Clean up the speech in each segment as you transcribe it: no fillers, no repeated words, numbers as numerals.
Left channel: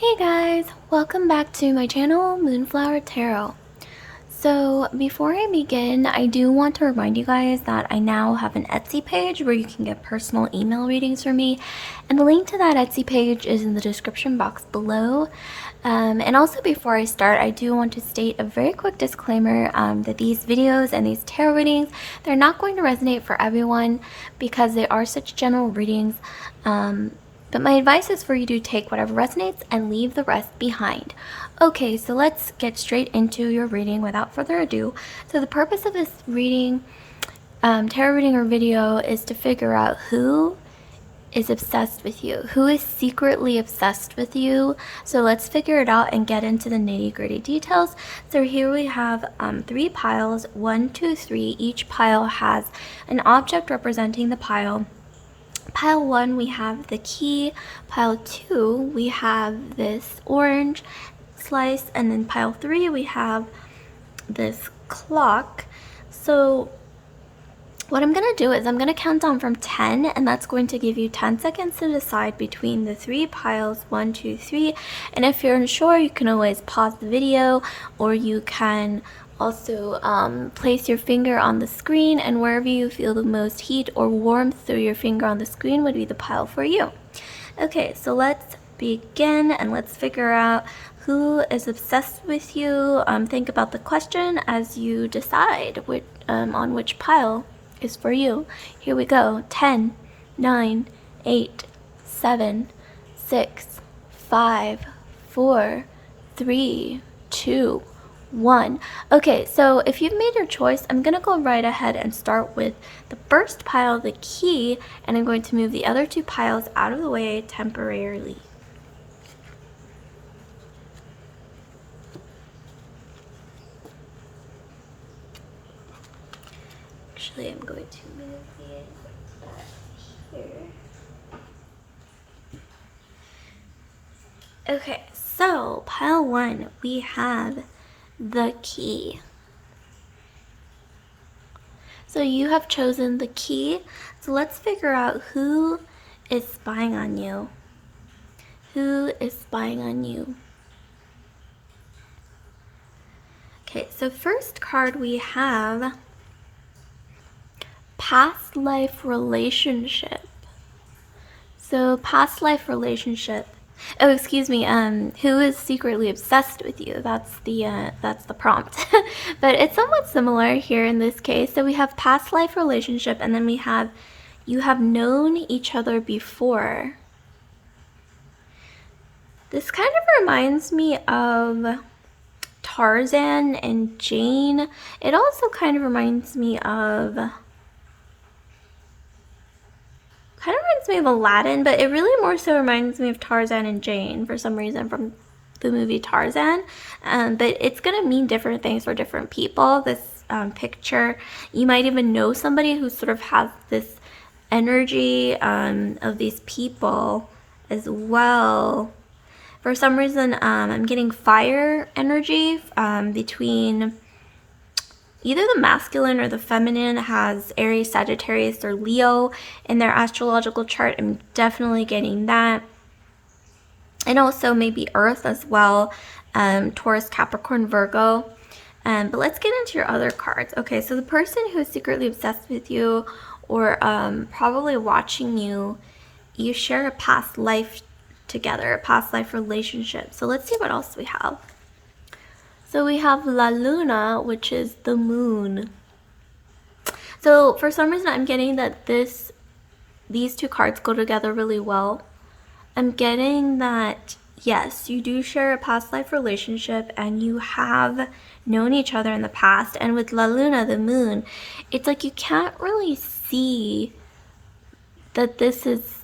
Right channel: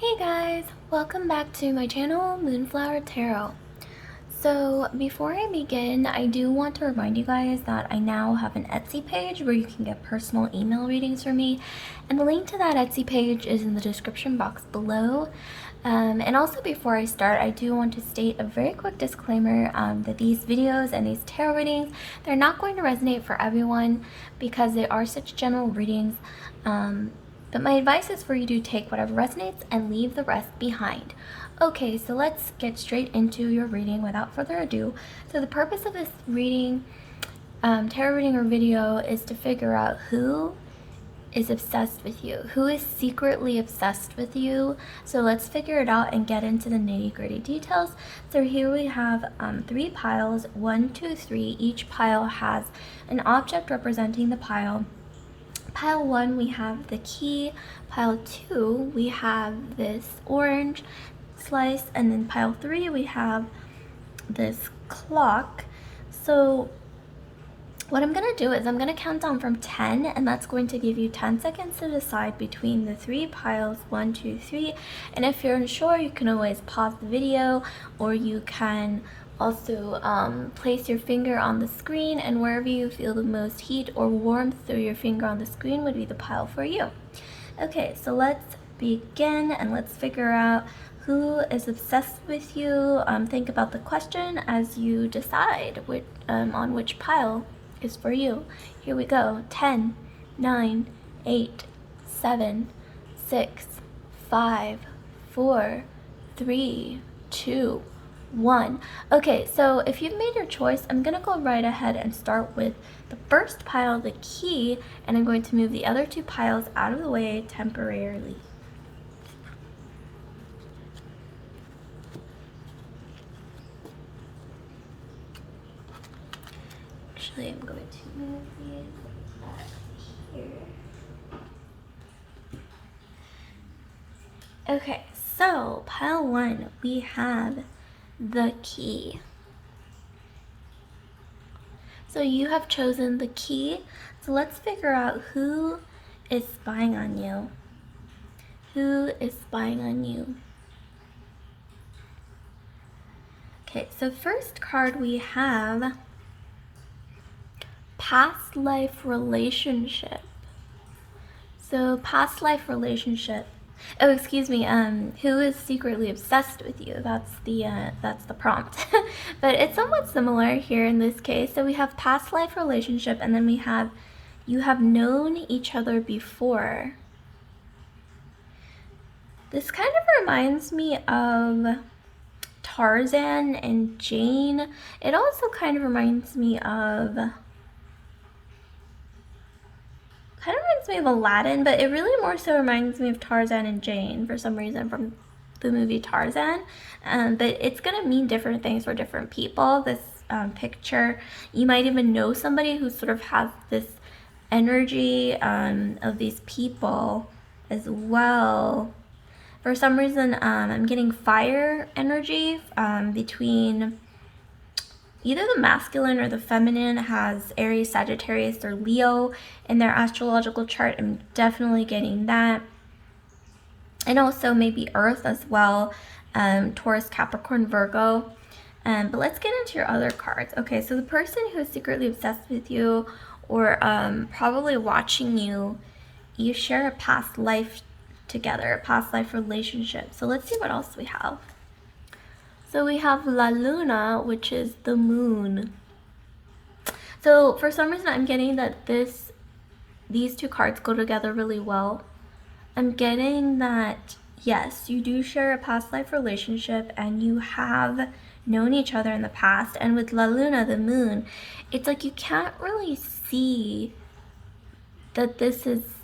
Hey guys, welcome back to my channel, Moonflower Tarot. So before I begin, I do want to remind you guys that I now have an Etsy page where you can get personal email readings from me, and the link to that Etsy page is in the description box below. And also before I start, I do want to state a very quick disclaimer that these videos and these tarot readings, they're not going to resonate for everyone because they are such general readings. But my advice is for you to take whatever resonates and leave the rest behind. Okay, so let's get straight into your reading without further ado. So the purpose of this reading, tarot reading or video, is to figure out who is obsessed with you, who is secretly obsessed with you. So let's figure it out and get into the nitty-gritty details. So here we have 3 piles, 1, 2, 3. Each pile has an object representing the pile. Pile 1, we have the key. Pile 2, we have this orange slice. And then pile 3, we have this clock. So what I'm going to do is I'm going to count down from 10, and that's going to give you 10 seconds to decide between the 3 piles, 1, 2, 3. And if you're unsure, you can always pause the video, or you can also place your finger on the screen, and wherever you feel the most heat or warmth through your finger on the screen would be the pile for you. Okay, so let's begin and let's figure out who is obsessed with you. Think about the question as you decide on which pile is for you. Here we go. 10, 9, 8, 7, 6, 5, 4, 3, 2, 1. Okay, so if you've made your choice, I'm going to go right ahead and start with the first pile, the key, and I'm going to move the other 2 piles out of the way temporarily. Actually, I'm going to move these back here. Okay, so pile 1, we have the key. So you have chosen the key. So let's figure out who is spying on you. Who is spying on you? Okay, so first card we have past life relationship. So past life relationship. Oh, excuse me. Who is secretly obsessed with you? That's the prompt. But it's somewhat similar here in this case. So we have past life relationship, and then we have you have known each other before. This kind of reminds me of Tarzan and Jane. It also kind of reminds me of Aladdin, but it really more so reminds me of Tarzan and Jane for some reason from the movie Tarzan. But it's gonna mean different things for different people. This picture, you might even know somebody who sort of has this energy of these people as well. For some reason, I'm getting fire energy between either the masculine or the feminine has Aries, Sagittarius, or Leo in their astrological chart. I'm definitely getting that. And also maybe Earth as well, Taurus, Capricorn, Virgo. But let's get into your other cards. Okay, so the person who is secretly obsessed with you or probably watching you, you share a past life together, a past life relationship. So let's see what else we have. So we have La Luna, which is the moon. So for some reason, I'm getting that these 2 cards go together really well. I'm getting that, yes, you do share a past life relationship and you have known each other in the past. And with La Luna, the moon, it's like you can't really see that this is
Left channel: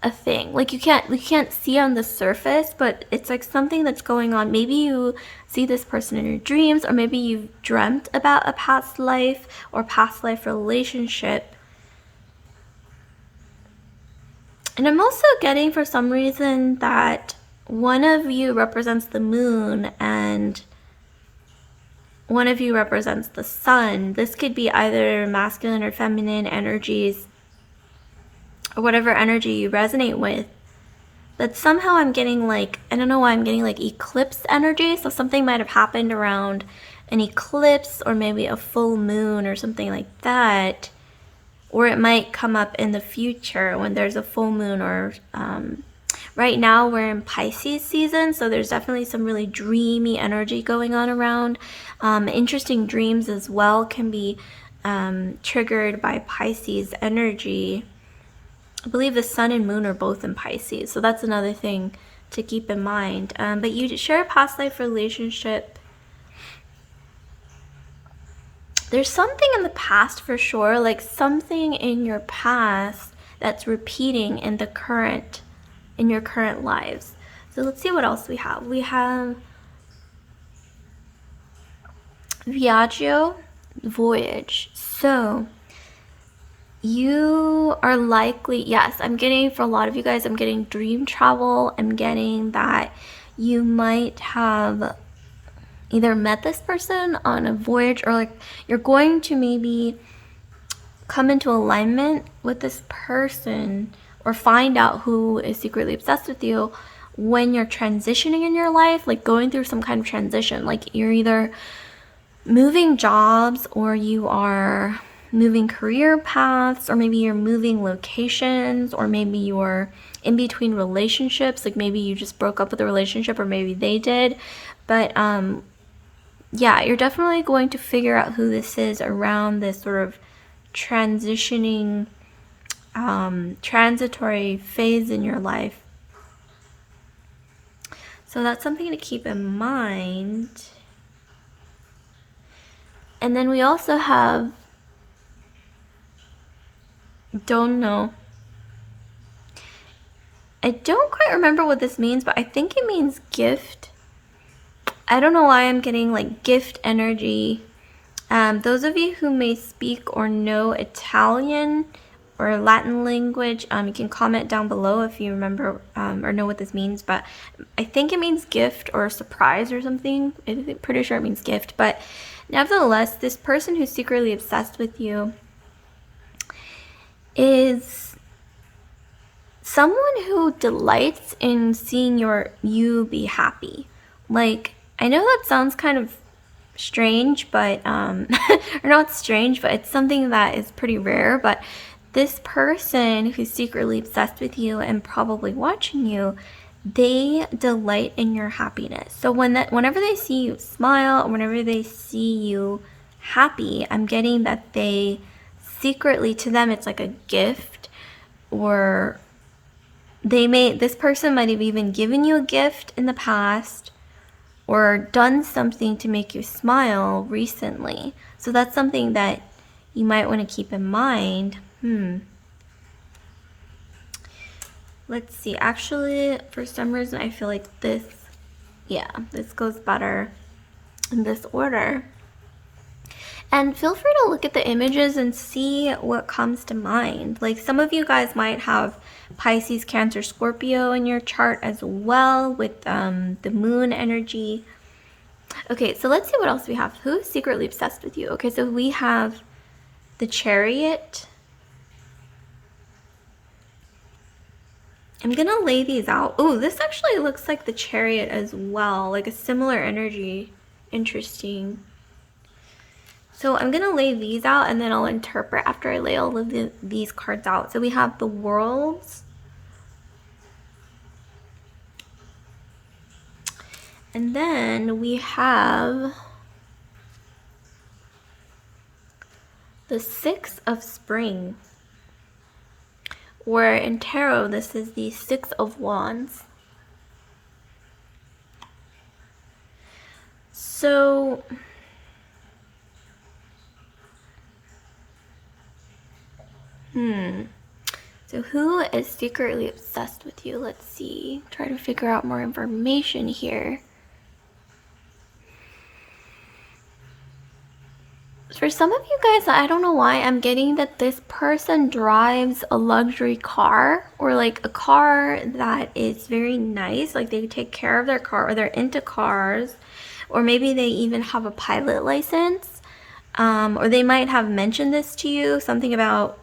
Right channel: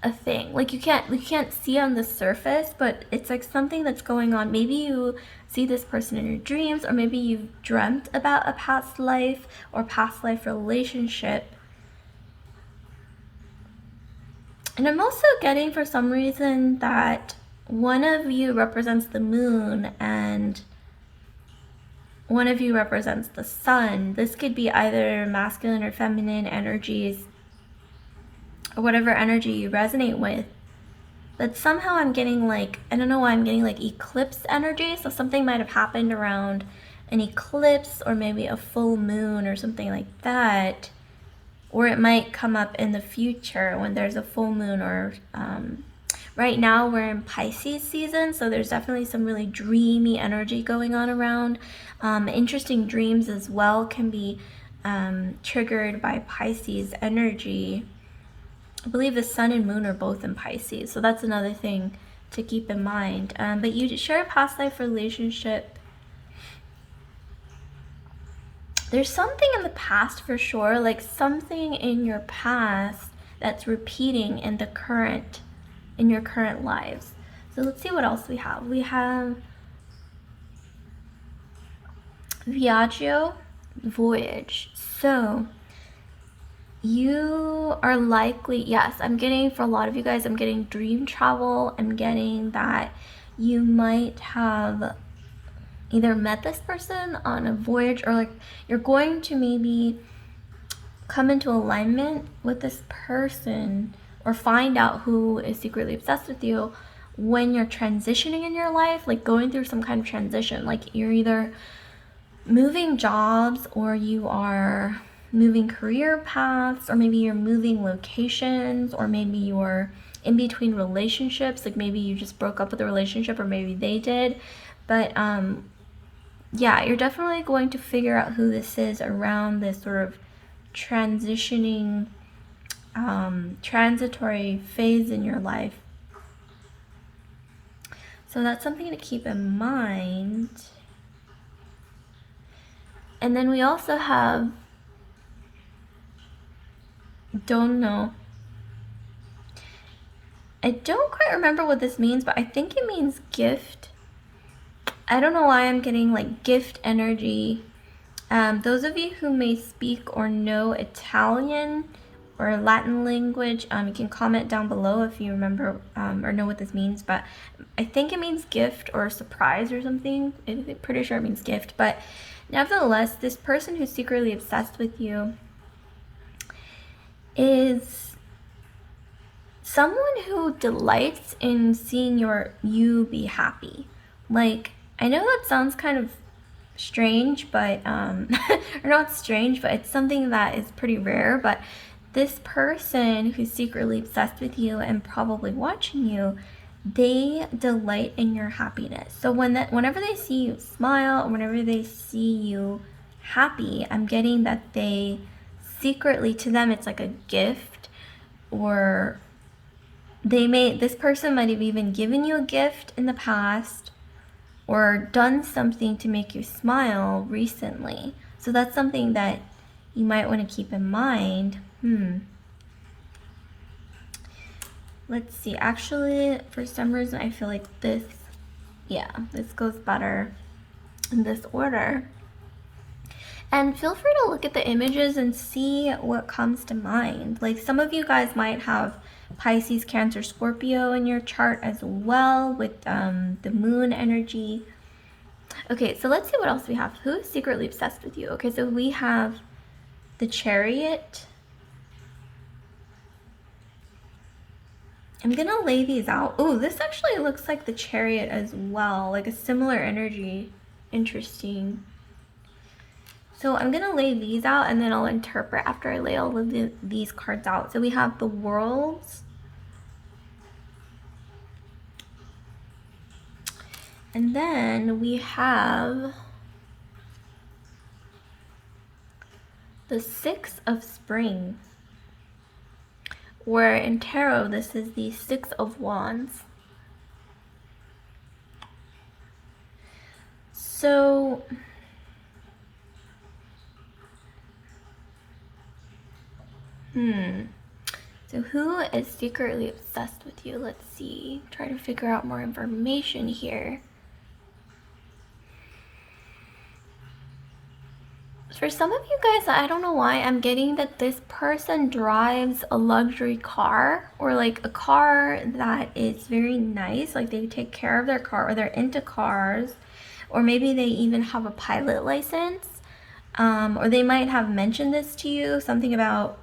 a thing. Like you can't see on the surface, but it's like something that's going on. Maybe you see this person in your dreams, or maybe you've dreamt about a past life or past life relationship. And I'm also getting for some reason that one of you represents the moon and one of you represents the sun. This could be either masculine or feminine energies, or whatever energy you resonate with. But somehow I'm getting like, I don't know why I'm getting like eclipse energy. So something might have happened around an eclipse or maybe a full moon or something like that. Or it might come up in the future when there's a full moon, or right now we're in Pisces season, so there's definitely some really dreamy energy going on around. Interesting dreams as well can be triggered by Pisces energy. I believe the sun and moon are both in Pisces, so that's another thing to keep in mind. But you share a past life relationship. There's something in the past for sure, like something in your past that's repeating in the current, in your current lives. So let's see what else we have. We have Viaggio, voyage. So you are likely, yes, I'm getting, for a lot of you guys, I'm getting dream travel. I'm getting that you might have either met this person on a voyage, or like you're going to maybe come into alignment with this person or find out who is secretly obsessed with you when you're transitioning in your life, like going through some kind of transition. Like you're either moving jobs, or you are moving career paths, or maybe you're moving locations, or maybe you're in between relationships, like maybe you just broke up with a relationship, or maybe they did. But yeah, you're definitely going to figure out who this is around this sort of transitioning, transitory phase in your life. So that's something to keep in mind. And then we also have, don't know. I don't quite remember what this means, but I think it means gift. I don't know why I'm getting like gift energy. Those of you who may speak or know Italian or Latin language, you can comment down below if you remember or know what this means. But I think it means gift or surprise or something. I'm pretty sure it means gift. But nevertheless, this person who's secretly obsessed with you is someone who delights in seeing you be happy. Like, I know that sounds kind of strange, but or not strange, but it's something that is pretty rare. But this person who's secretly obsessed with you and probably watching you, they delight in your happiness. So whenever they see you smile, or whenever they see you happy, I'm getting that they secretly, to them, it's like a gift, or this person might have even given you a gift in the past, or done something to make you smile recently. So that's something that you might want to keep in mind. Let's see. Actually, for some reason, I feel like this goes better in this order. And feel free to look at the images and see what comes to mind. Like, some of you guys might have Pisces, Cancer, Scorpio in your chart as well, with the moon energy. Okay, so let's see what else we have. Who's secretly obsessed with you? Okay, so we have the Chariot. I'm gonna lay these out. Oh, this actually looks like the Chariot as well, like a similar energy. Interesting. So I'm gonna lay these out, and then I'll interpret after I lay all of these cards out. So we have the Worlds. And then we have the Six of Spring, where in tarot this is the Six of Wands. So so who is secretly obsessed with you? Let's see. Try to figure out more information here. For some of you guys, I don't know why, I'm getting that this person drives a luxury car, or like a car that is very nice. Like they take care of their car, or they're into cars, or maybe they even have a pilot license, or they might have mentioned this to you, something about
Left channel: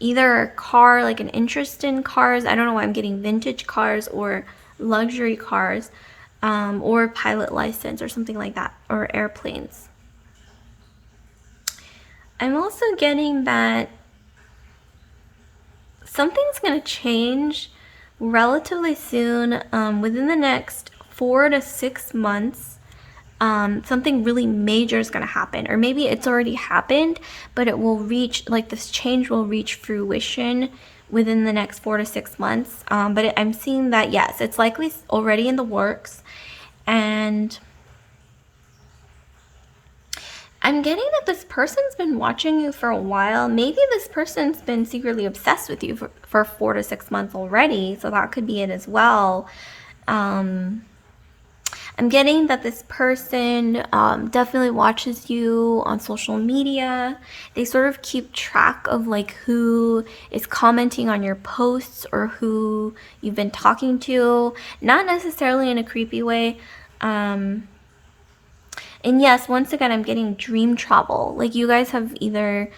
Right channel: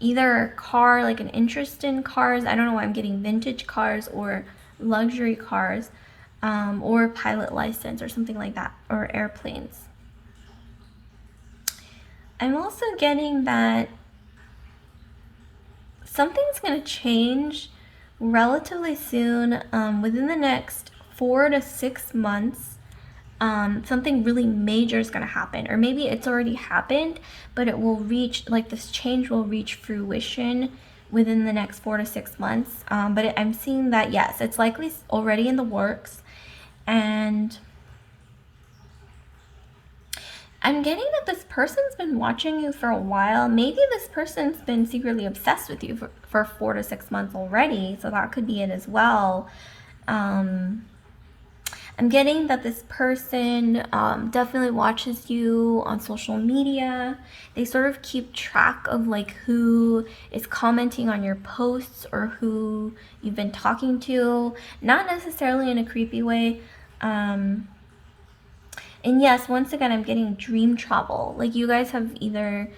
either a car, like an interest in cars. I don't know why I'm getting vintage cars or luxury cars, or pilot license or something like that, or airplanes. I'm also getting that something's going to change relatively soon, within the next 4 to 6 months. Something really major is going to happen, or maybe it's already happened, but it will reach, like, this change will reach fruition within the next 4 to 6 months. I'm seeing that, yes, it's likely already in the works, and I'm getting that this person's been watching you for a while. Maybe this person's been secretly obsessed with you for 4 to 6 months already, so that could be it as well. I'm getting that this person definitely watches you on social media. They sort of keep track of like who is commenting on your posts or who you've been talking to, not necessarily in a creepy way. And yes, once again, I'm getting dream travel. Like you guys have either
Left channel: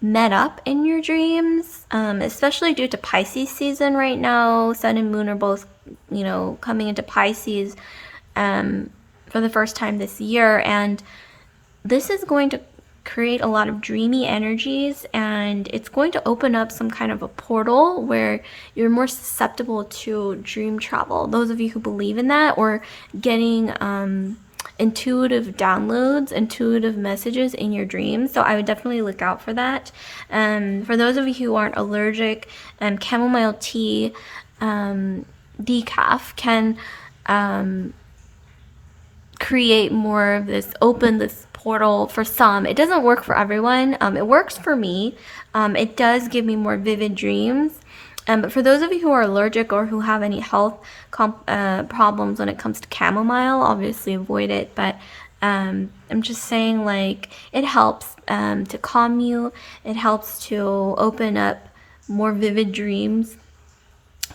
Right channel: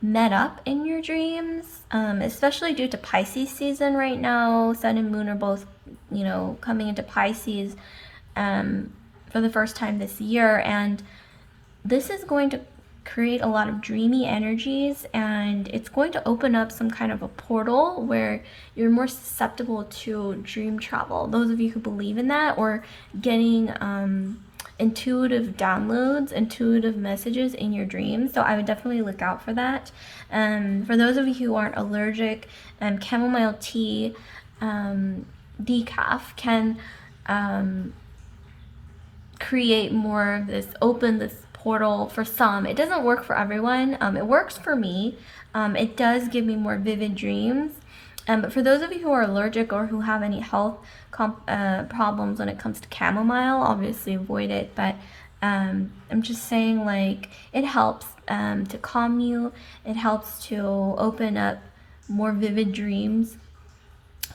met up in your dreams, especially due to Pisces season right now. Sun and moon are both, coming into Pisces for the first time this year. And this is going to create a lot of dreamy energies, and it's going to open up some kind of a portal where you're more susceptible to dream travel. Those of you who believe in that, or getting intuitive downloads, intuitive messages in your dreams. So I would definitely look out for that. For those of you who aren't allergic, chamomile tea decaf can create more of this, open this portal for some. It doesn't work for everyone. It works for me. It does give me more vivid dreams. But for those of you who are allergic or who have any health problems when it comes to chamomile, obviously avoid it. But I'm just saying, like, it helps to calm you. It helps to open up more vivid dreams.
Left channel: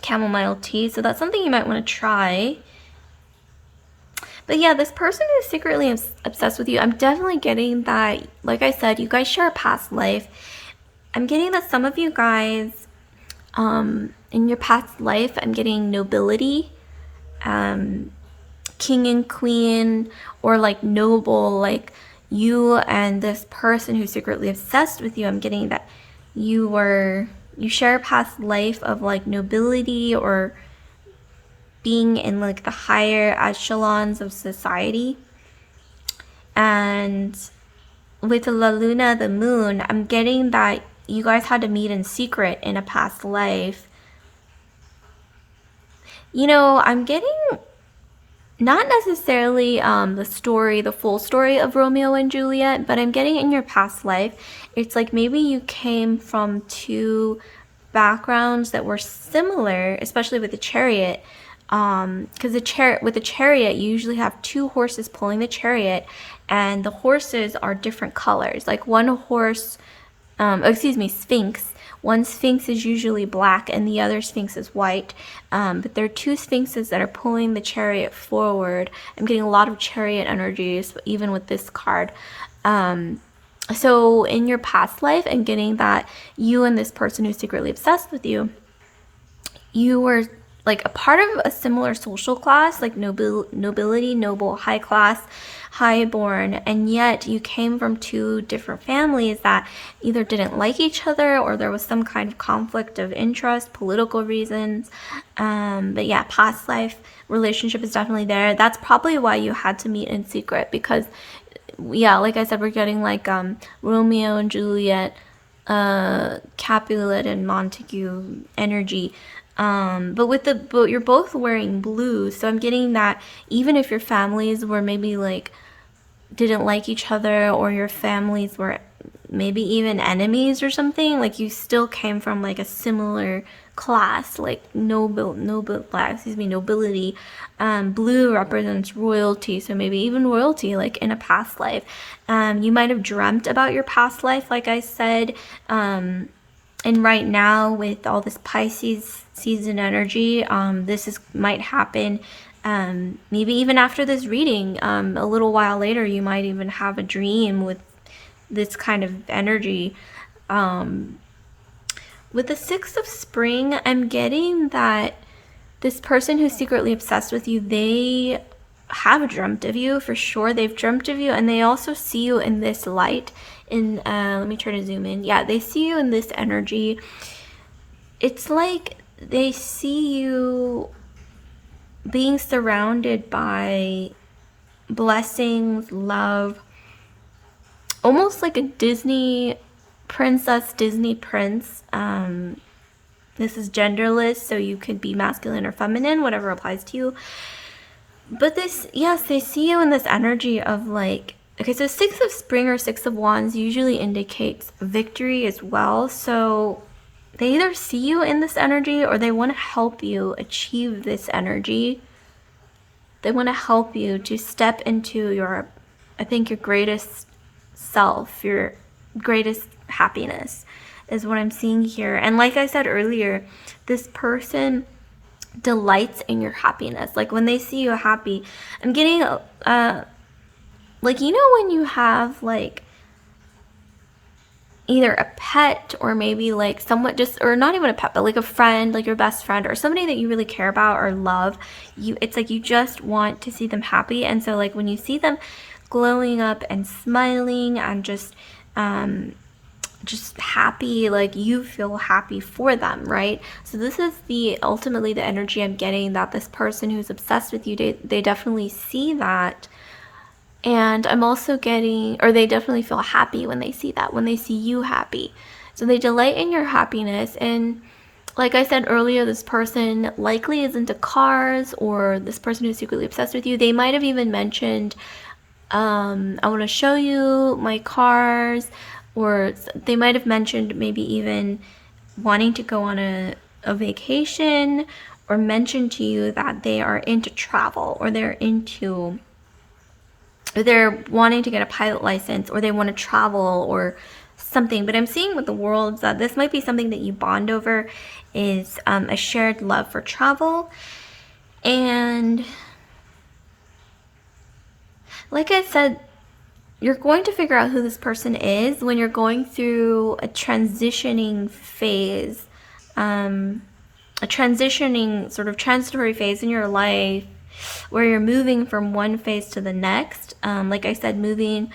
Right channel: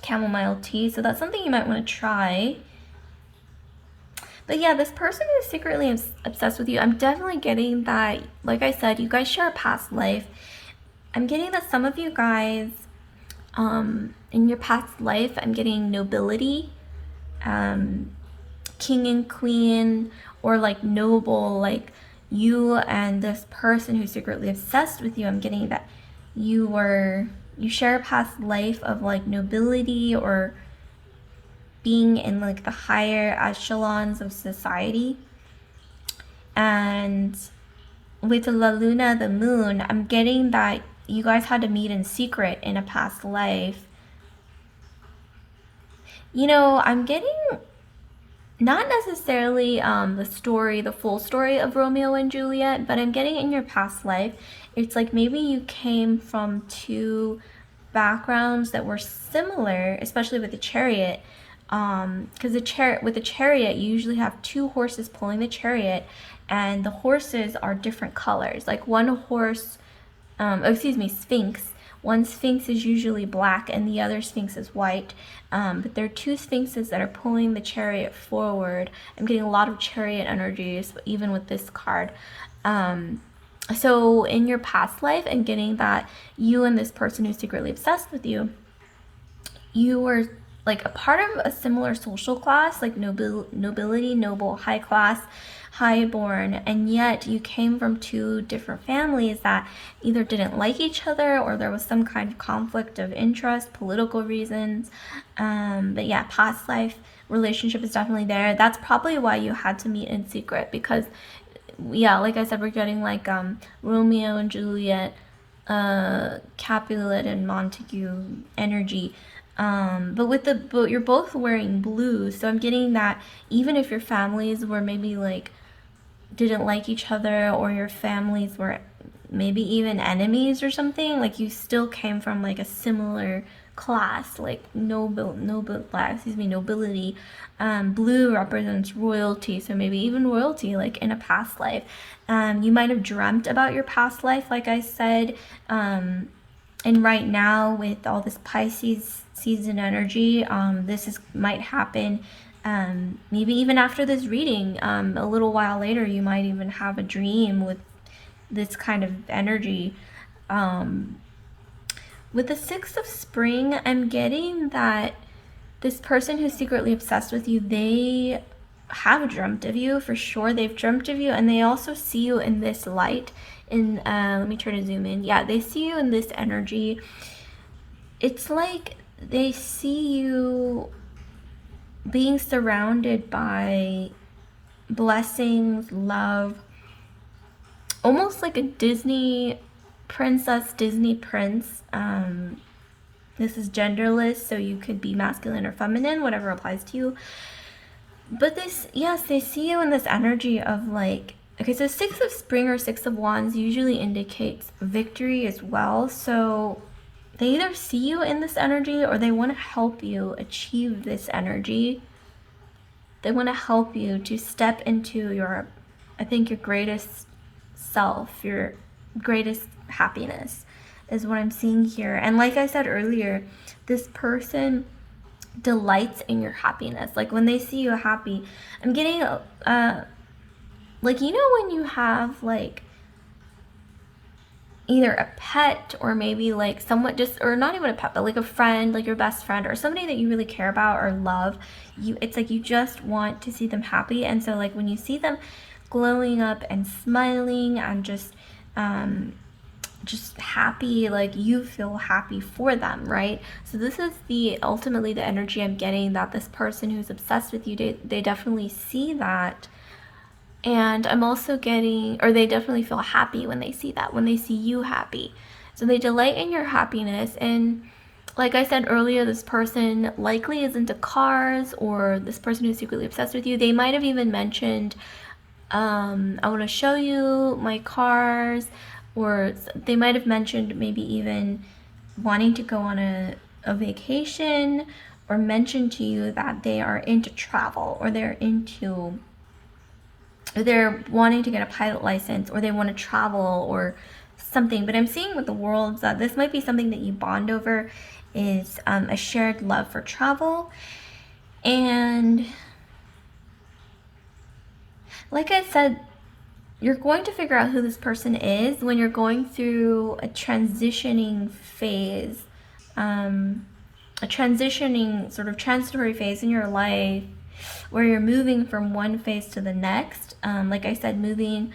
Chamomile tea. So that's something you might want to try. But yeah, this person who's secretly obsessed with you, I'm definitely getting that, like I said, you guys share a past life. I'm getting that some of you guys, in your past life, I'm getting nobility, king and queen, or like noble, like you and this person who's secretly obsessed with you. I'm getting that you share a past life of like nobility, or being in like the higher echelons of society. And with the La Luna, the moon, I'm getting that you guys had to meet in secret in a past life. I'm getting not necessarily the full story of Romeo and Juliet, but I'm getting in your past life, it's like maybe you came from two backgrounds that were similar, especially with the chariot. Because with the chariot, you usually have two horses pulling the chariot, and the horses are different colors. Like one horse, sphinx. One sphinx is usually black and the other sphinx is white. But there are two sphinxes that are pulling the chariot forward. I'm getting a lot of chariot energies, even with this card. So in your past life, I'm getting that you and this person who's secretly obsessed with you, you were like a part of a similar social class, like nobility, noble, high class, highborn, and yet you came from two different families that either didn't like each other, or there was some kind of conflict of interest, political reasons. But yeah, past life relationship is definitely there. That's probably why you had to meet in secret, because yeah, like I said, we're getting like Romeo and Juliet, Capulet and Montague energy. But you're both wearing blue, so I'm getting that even if your families were maybe like didn't like each other, or your families were maybe even enemies or something, like you still came from like a similar class, like nobility. Blue represents royalty, so maybe even royalty, like in a past life. You might have dreamt about your past life, like I said. And right now, with all this Pisces season energy, might happen. Maybe even after this reading, a little while later, you might even have a dream with this kind of energy. with the Six of Spring, I'm getting that this person who's secretly obsessed with you, they have dreamt of you for sure. They've dreamt of you, and they also see you in this light. Let me try to zoom in. Yeah, they see you in this energy. It's like they see you being surrounded by blessings, love, almost like a Disney princess, Disney prince. This is genderless, so you could be masculine or feminine, whatever applies to you. But this, yes, they see you in this energy of like, okay, so Six of Spring or Six of Wands usually indicates victory as well. So they either see you in this energy or they want to help you achieve this energy. They want to help you to step into your, I think, your greatest self, your greatest happiness is what I'm seeing here. And like I said earlier, this person delights in your happiness. Like when they see you happy, I'm getting like, you know, when you have like either a pet or maybe like somewhat just, or not even a pet, but like a friend, like your best friend or somebody that you really care about or love, it's like you just want to see them happy. And so like when you see them glowing up and smiling and just happy, like you feel happy for them, right? So this is ultimately the energy I'm getting, that this person who's obsessed with you, they definitely see that. And I'm also getting, or they definitely feel happy when they see that, when they see you happy. So they delight in your happiness. And like I said earlier, this person likely is into cars, or this person who's secretly obsessed with you, they might have even mentioned, I want to show you my cars, or they might have mentioned maybe even wanting to go on a vacation, or mention to you that they are into travel, or they're wanting to get a pilot license, or they want to travel or something. But I'm seeing with the worlds that this might be something that you bond over, is a shared love for travel. And like I said, you're going to figure out who this person is when you're going through a transitioning phase, a transitioning sort of transitory phase in your life where you're moving from one phase to the next. Like I said, moving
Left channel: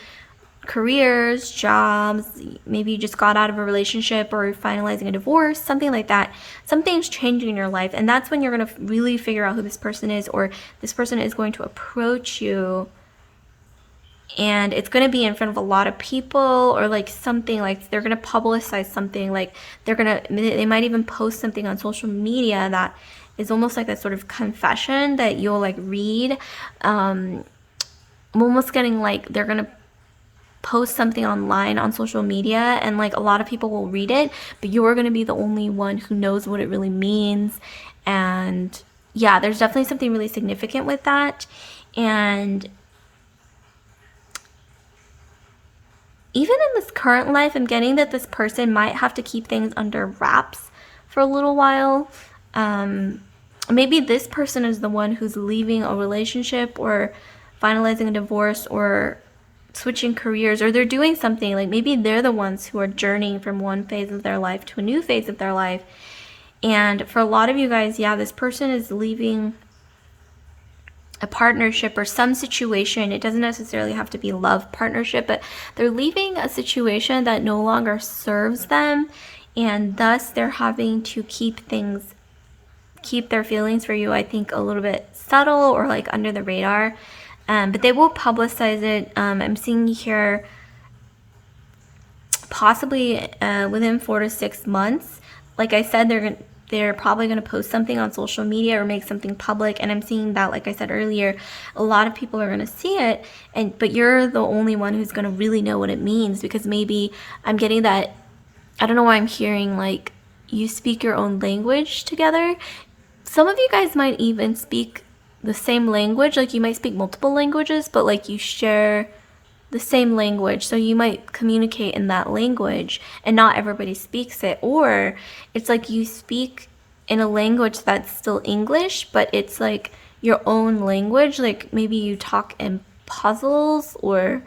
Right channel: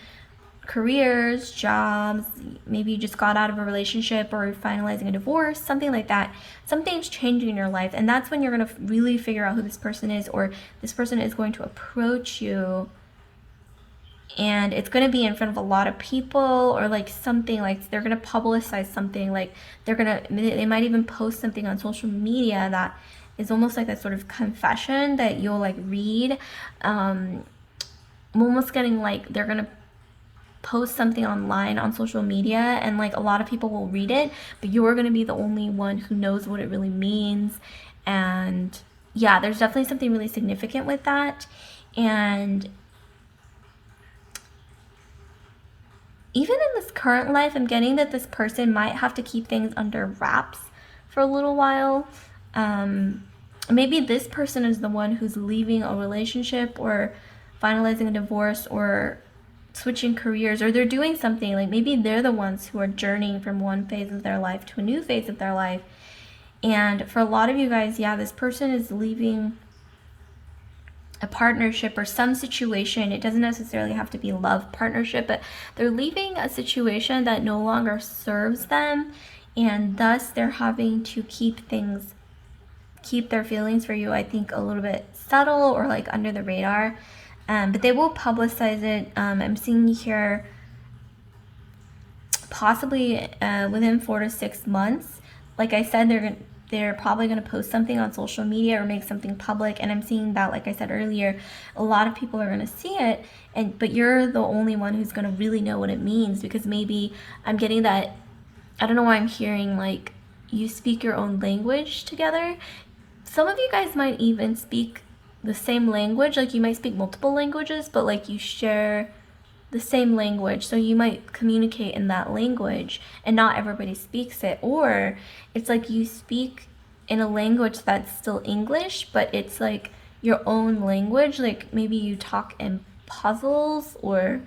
careers, jobs, maybe you just got out of a relationship or finalizing a divorce, something like that. Something's changing in your life, and that's when you're going to really figure out who this person is, or this person is going to approach you, and it's going to be in front of a lot of people, or like something like they're going to publicize something, like they might even post something on social media that is almost like a sort of confession that you'll like read. I'm almost getting like they're going to post something online on social media, and like a lot of people will read it, but you're going to be the only one who knows what it really means. And yeah, there's definitely something really significant with that. And even in this current life, I'm getting that this person might have to keep things under wraps for a little while. Maybe this person is the one who's leaving a relationship, or finalizing a divorce, or switching careers, or they're doing something. Like maybe they're the ones who are journeying from one phase of their life to a new phase of their life. And for a lot of you guys, yeah, this person is leaving a partnership or some situation. It doesn't necessarily have to be love partnership, but they're leaving a situation that no longer serves them, and thus they're having to keep their feelings for you, I think, a little bit subtle or like under the radar. But they will publicize it. I'm seeing here possibly within 4 to 6 months. Like I said, they're probably going to post something on social media or make something public, and I'm seeing that, like I said earlier, a lot of people are going to see it, but you're the only one who's going to really know what it means, because maybe I'm getting that, I don't know why I'm hearing like you speak your own language together. Some of you guys might even speak the same language, like you might speak multiple languages, but like you share the same language, so you might communicate in that language, and not everybody speaks it. Or it's like you speak in a language that's still English, but it's like your own language, like maybe you talk in puzzles or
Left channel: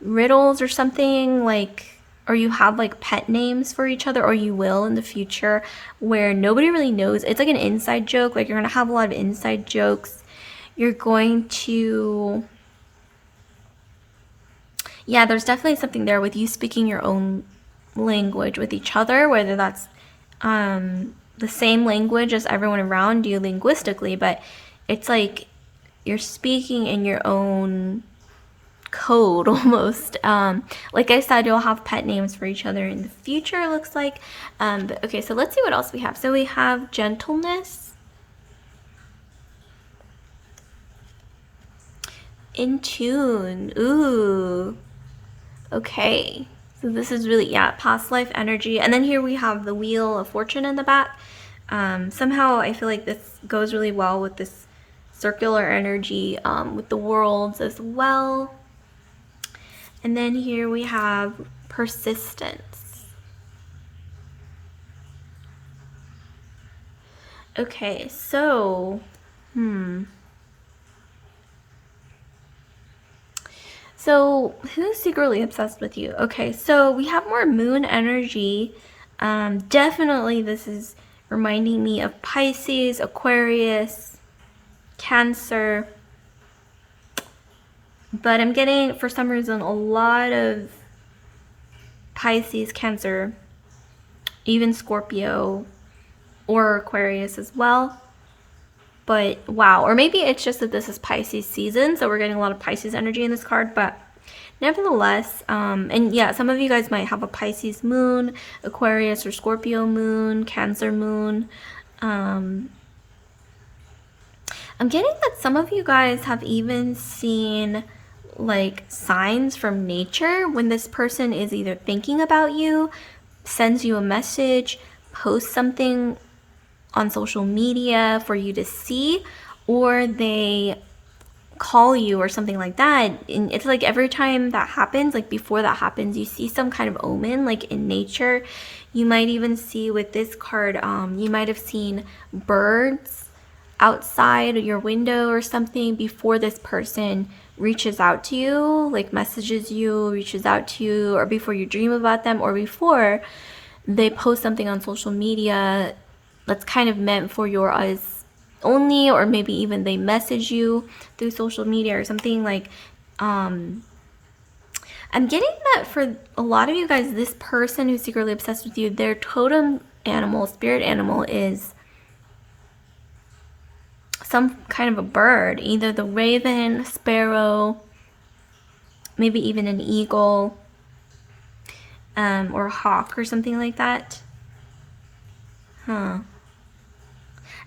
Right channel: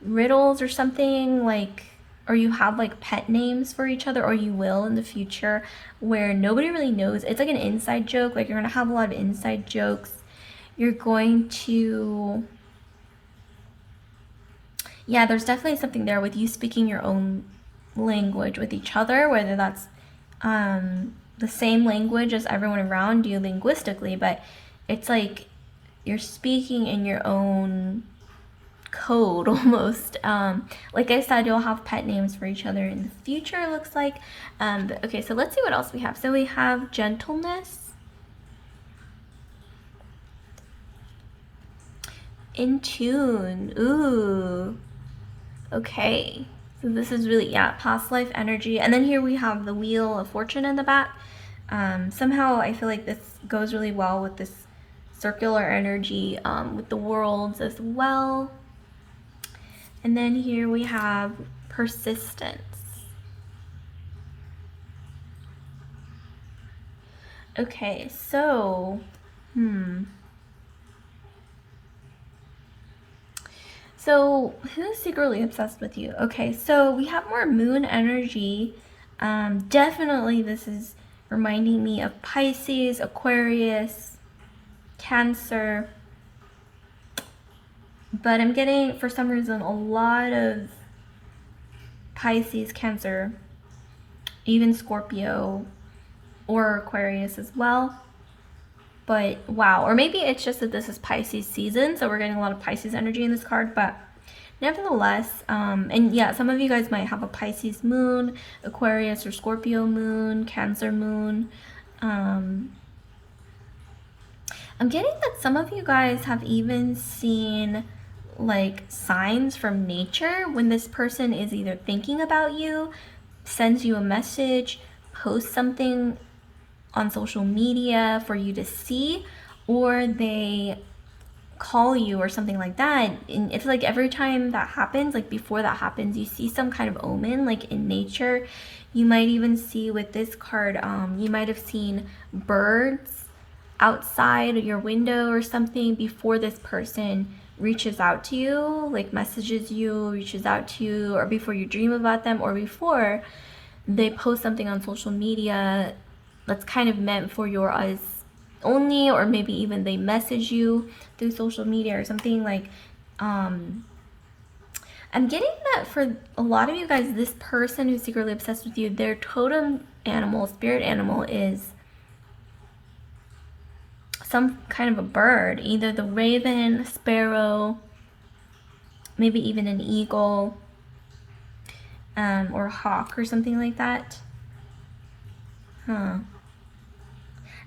riddles or something, like or you have like pet names for each other, or you will in the future, where nobody really knows. It's like an inside joke. Like you're gonna have a lot of inside jokes. You're going to, yeah, there's definitely something there with you speaking your own language with each other, whether that's the same language as everyone around you linguistically, but it's like you're speaking in your own code almost. Like I said, you'll have pet names for each other in the future, it looks like. But okay, so let's see what else we have. So we have gentleness, in tune. Ooh, okay. So this is really, yeah, past life energy. And then here we have the Wheel of Fortune in the back. Somehow I feel like this goes really well with this circular energy, with the worlds as well. And then here we have persistence. Okay, so, So who's secretly obsessed with you? Okay, so we have more moon energy. Definitely this is reminding me of Pisces, Aquarius, Cancer. But I'm getting, for some reason, a lot of Pisces, Cancer, even Scorpio or Aquarius as well. But wow, or maybe it's just that this is Pisces season, so we're getting a lot of Pisces energy in this card. But nevertheless, and yeah, some of you guys might have a Pisces moon, Aquarius or Scorpio moon, Cancer moon. I'm getting that some of you guys have even seen like signs from nature when this person is either thinking about you, sends you a message, posts something on social media for you to see, or they call you or something like that. And it's like every time that happens, like before that happens, you see some kind of omen, like in nature. You might even see with this card, you might have seen birds outside your window or something before this person reaches out to you, like messages you, reaches out to you, or before you dream about them, or before they post something on social media that's kind of meant for your eyes only, or maybe even they message you through social media or something. Like I'm getting that for a lot of you guys, this person who's secretly obsessed with you, their totem animal, spirit animal, is some kind of a bird, either the raven, sparrow, maybe even an eagle, or a hawk or something like that.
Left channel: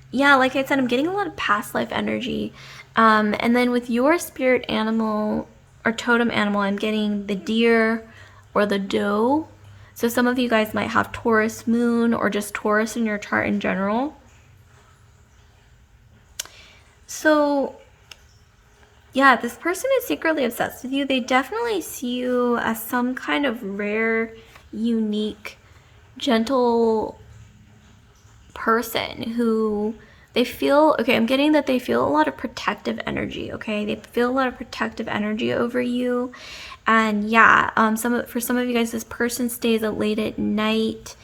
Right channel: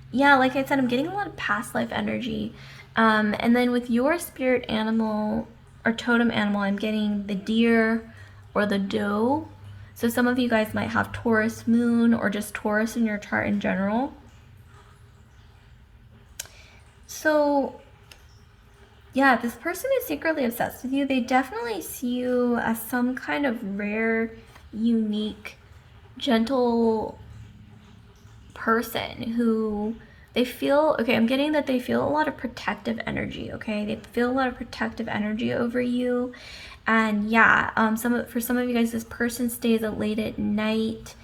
Yeah, like I said, I'm getting a lot of past life energy. And then with your spirit animal or totem animal, I'm getting the deer or the doe. So some of you guys might have Taurus moon or just Taurus in your chart in general. So yeah, this person is secretly obsessed with you. They definitely see you as some kind of rare, unique, gentle person who they feel, okay, I'm getting that they feel a lot of protective energy, okay? They feel a lot of protective energy over you. And yeah, for some of you guys, this person stays up late at night,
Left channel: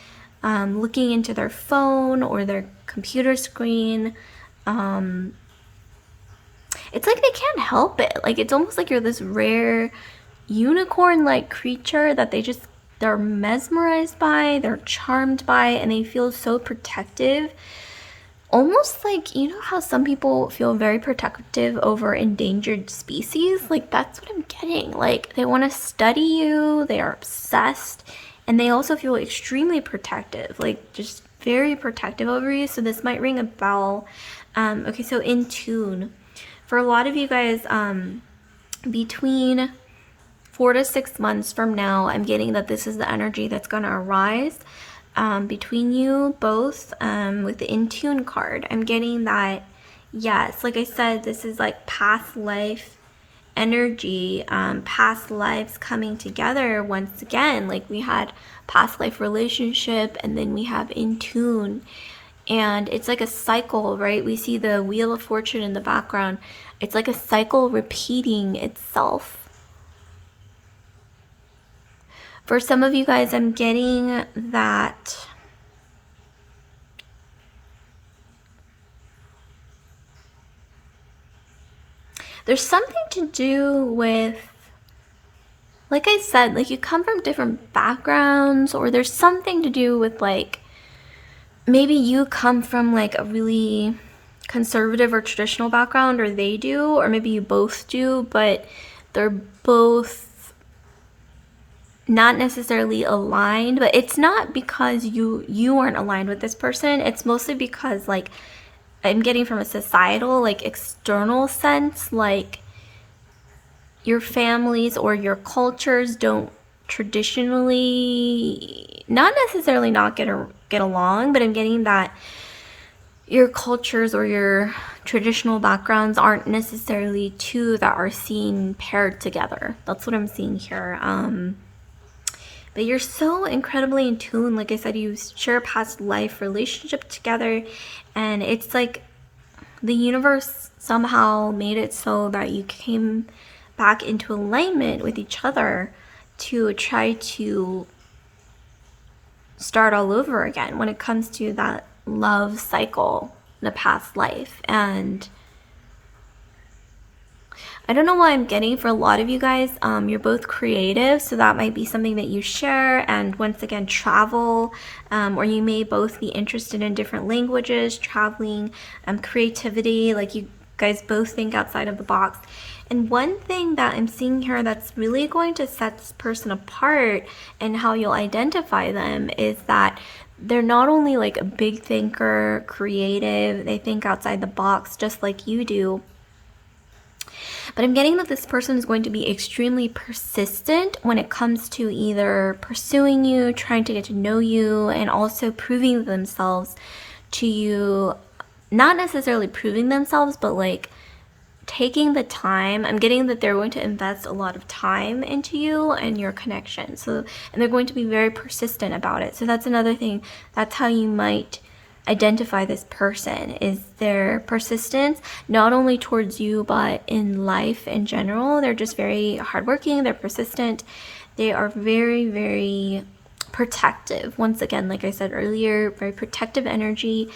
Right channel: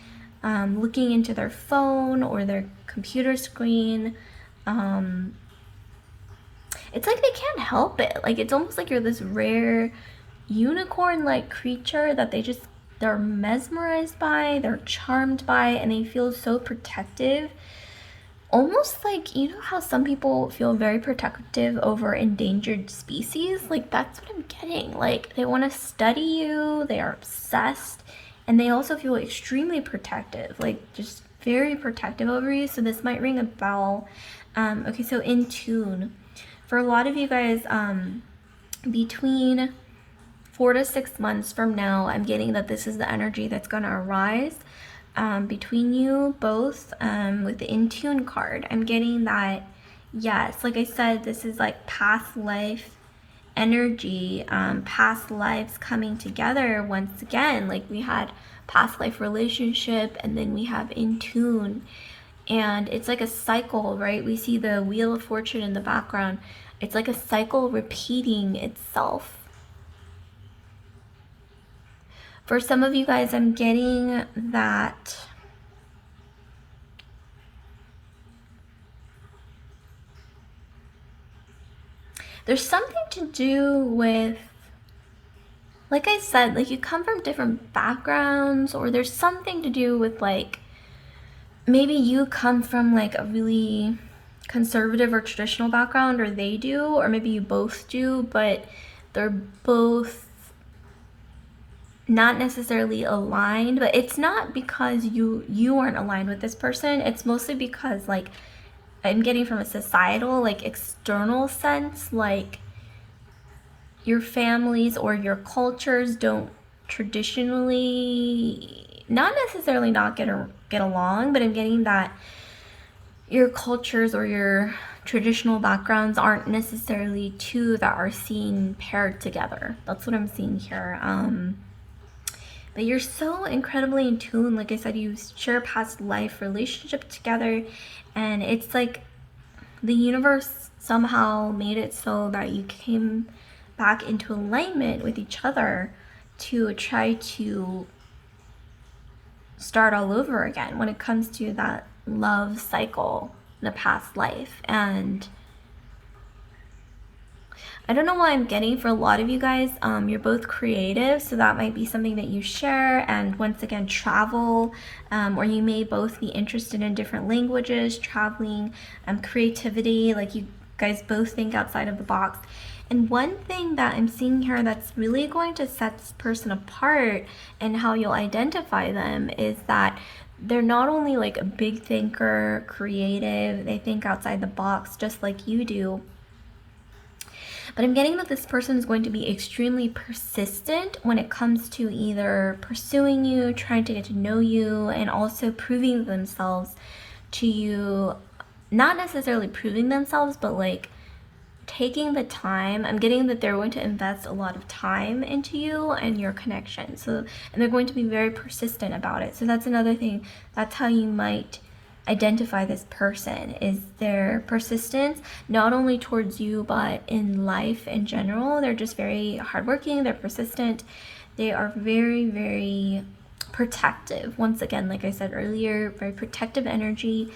looking into their phone or their computer screen. It's like they can't help it. Like it's almost like you're this rare unicorn-like creature that they're mesmerized by, they're charmed by, and they feel so protective. Almost like, you know how some people feel very protective over endangered species? Like that's what I'm getting. Like they want to study you, they are obsessed, and they also feel extremely protective, like just very protective over you. So this might ring a bell. Okay, so in tune. For a lot of you guys, between 4 to 6 months from now, I'm getting that this is the energy that's going to arise between you both. With the In Tune card, I'm getting that, yes, like I said, this is like past life energy, past lives coming together once again. Like we had past life relationship, and then we have In Tune. And it's like a cycle, right? We see the Wheel of Fortune in the background. It's like a cycle repeating itself. For some of you guys, I'm getting that there's something to do with, like I said, like you come from different backgrounds, or there's something to do with like maybe you come from like a really conservative or traditional background, or they do, or maybe you both do, but they're both not necessarily aligned. But it's not because you aren't aligned with this person. It's mostly because like I'm getting from a societal, like external sense, like your families or your cultures don't traditionally, not necessarily not get along, but I'm getting that your cultures or your traditional backgrounds aren't necessarily two that are seen paired together. That's what I'm seeing here. But you're so incredibly in tune. Like I said, you share a past life relationship together, and it's like the universe somehow made it so that you came back into alignment with each other to try to start all over again when it comes to that love cycle in a past life. And I don't know why I'm getting, for a lot of you guys, you're both creative, so that might be something that you share. And once again, travel, or you may both be interested in different languages, traveling, creativity, like you guys both think outside of the box. And one thing that I'm seeing here that's really going to set this person apart and how you'll identify them is that they're not only like a big thinker, creative, they think outside the box just like you do, but I'm getting that this person is going to be extremely persistent when it comes to either pursuing you, trying to get to know you, and also proving themselves to you. Not necessarily proving themselves, but like taking the time. I'm getting that they're going to invest a lot of time into you and your connection. So, and they're going to be very persistent about it. So that's another thing. That's how you might identify this person, is their persistence, not only towards you, but in life in general. They're just very hardworking. They're persistent. They are very, very protective. Once again, like I said earlier, very protective energy.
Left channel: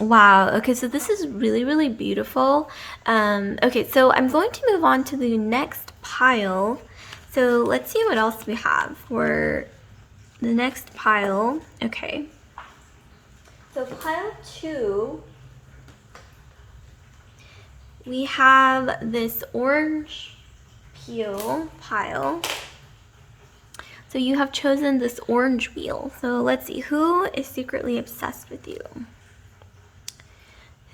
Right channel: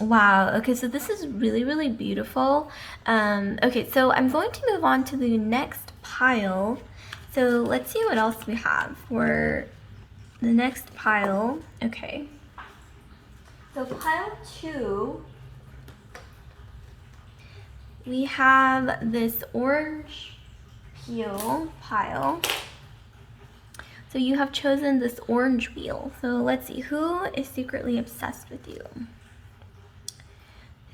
Wow. Okay, so this is really, really beautiful. Okay, so I'm going to move on to the next pile. So let's see what else we have for the next pile. Okay. So pile 2, we have this orange peel pile. So you have chosen this orange wheel. So let's see, who is secretly obsessed with you?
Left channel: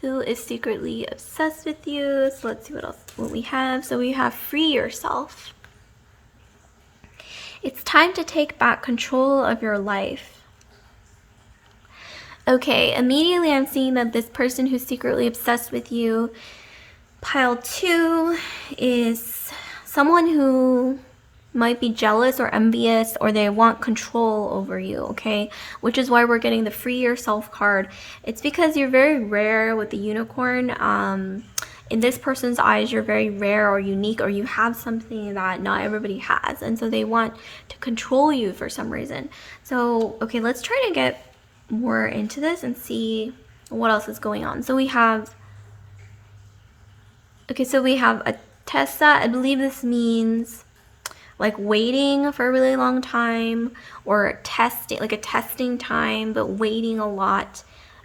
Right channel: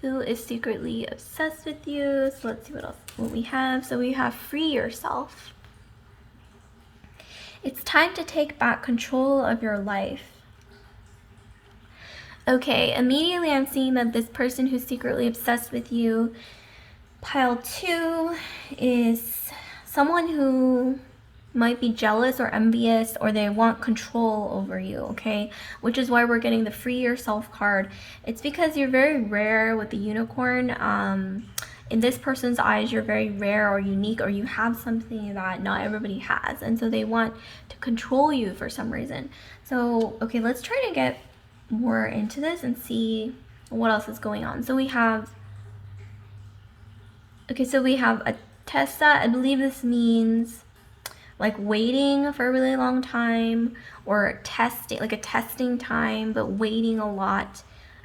Who is secretly obsessed with you? So let's see what we have. So we have free yourself. It's time to take back control of your life. Okay, immediately I'm seeing that this person who's secretly obsessed with you, pile 2, is someone who might be jealous or envious, or they want control over you, okay? Which is why we're getting the free yourself card. It's because you're very rare with the unicorn. In this person's eyes, you're very rare or unique, or you have something that not everybody has, and so they want to control you for some reason. So, okay, let's try to get more into this and see what else is going on. So we have, okay, so we have a Tessa. I believe this means like waiting for a really long time, or testing, like a testing time, but waiting a lot,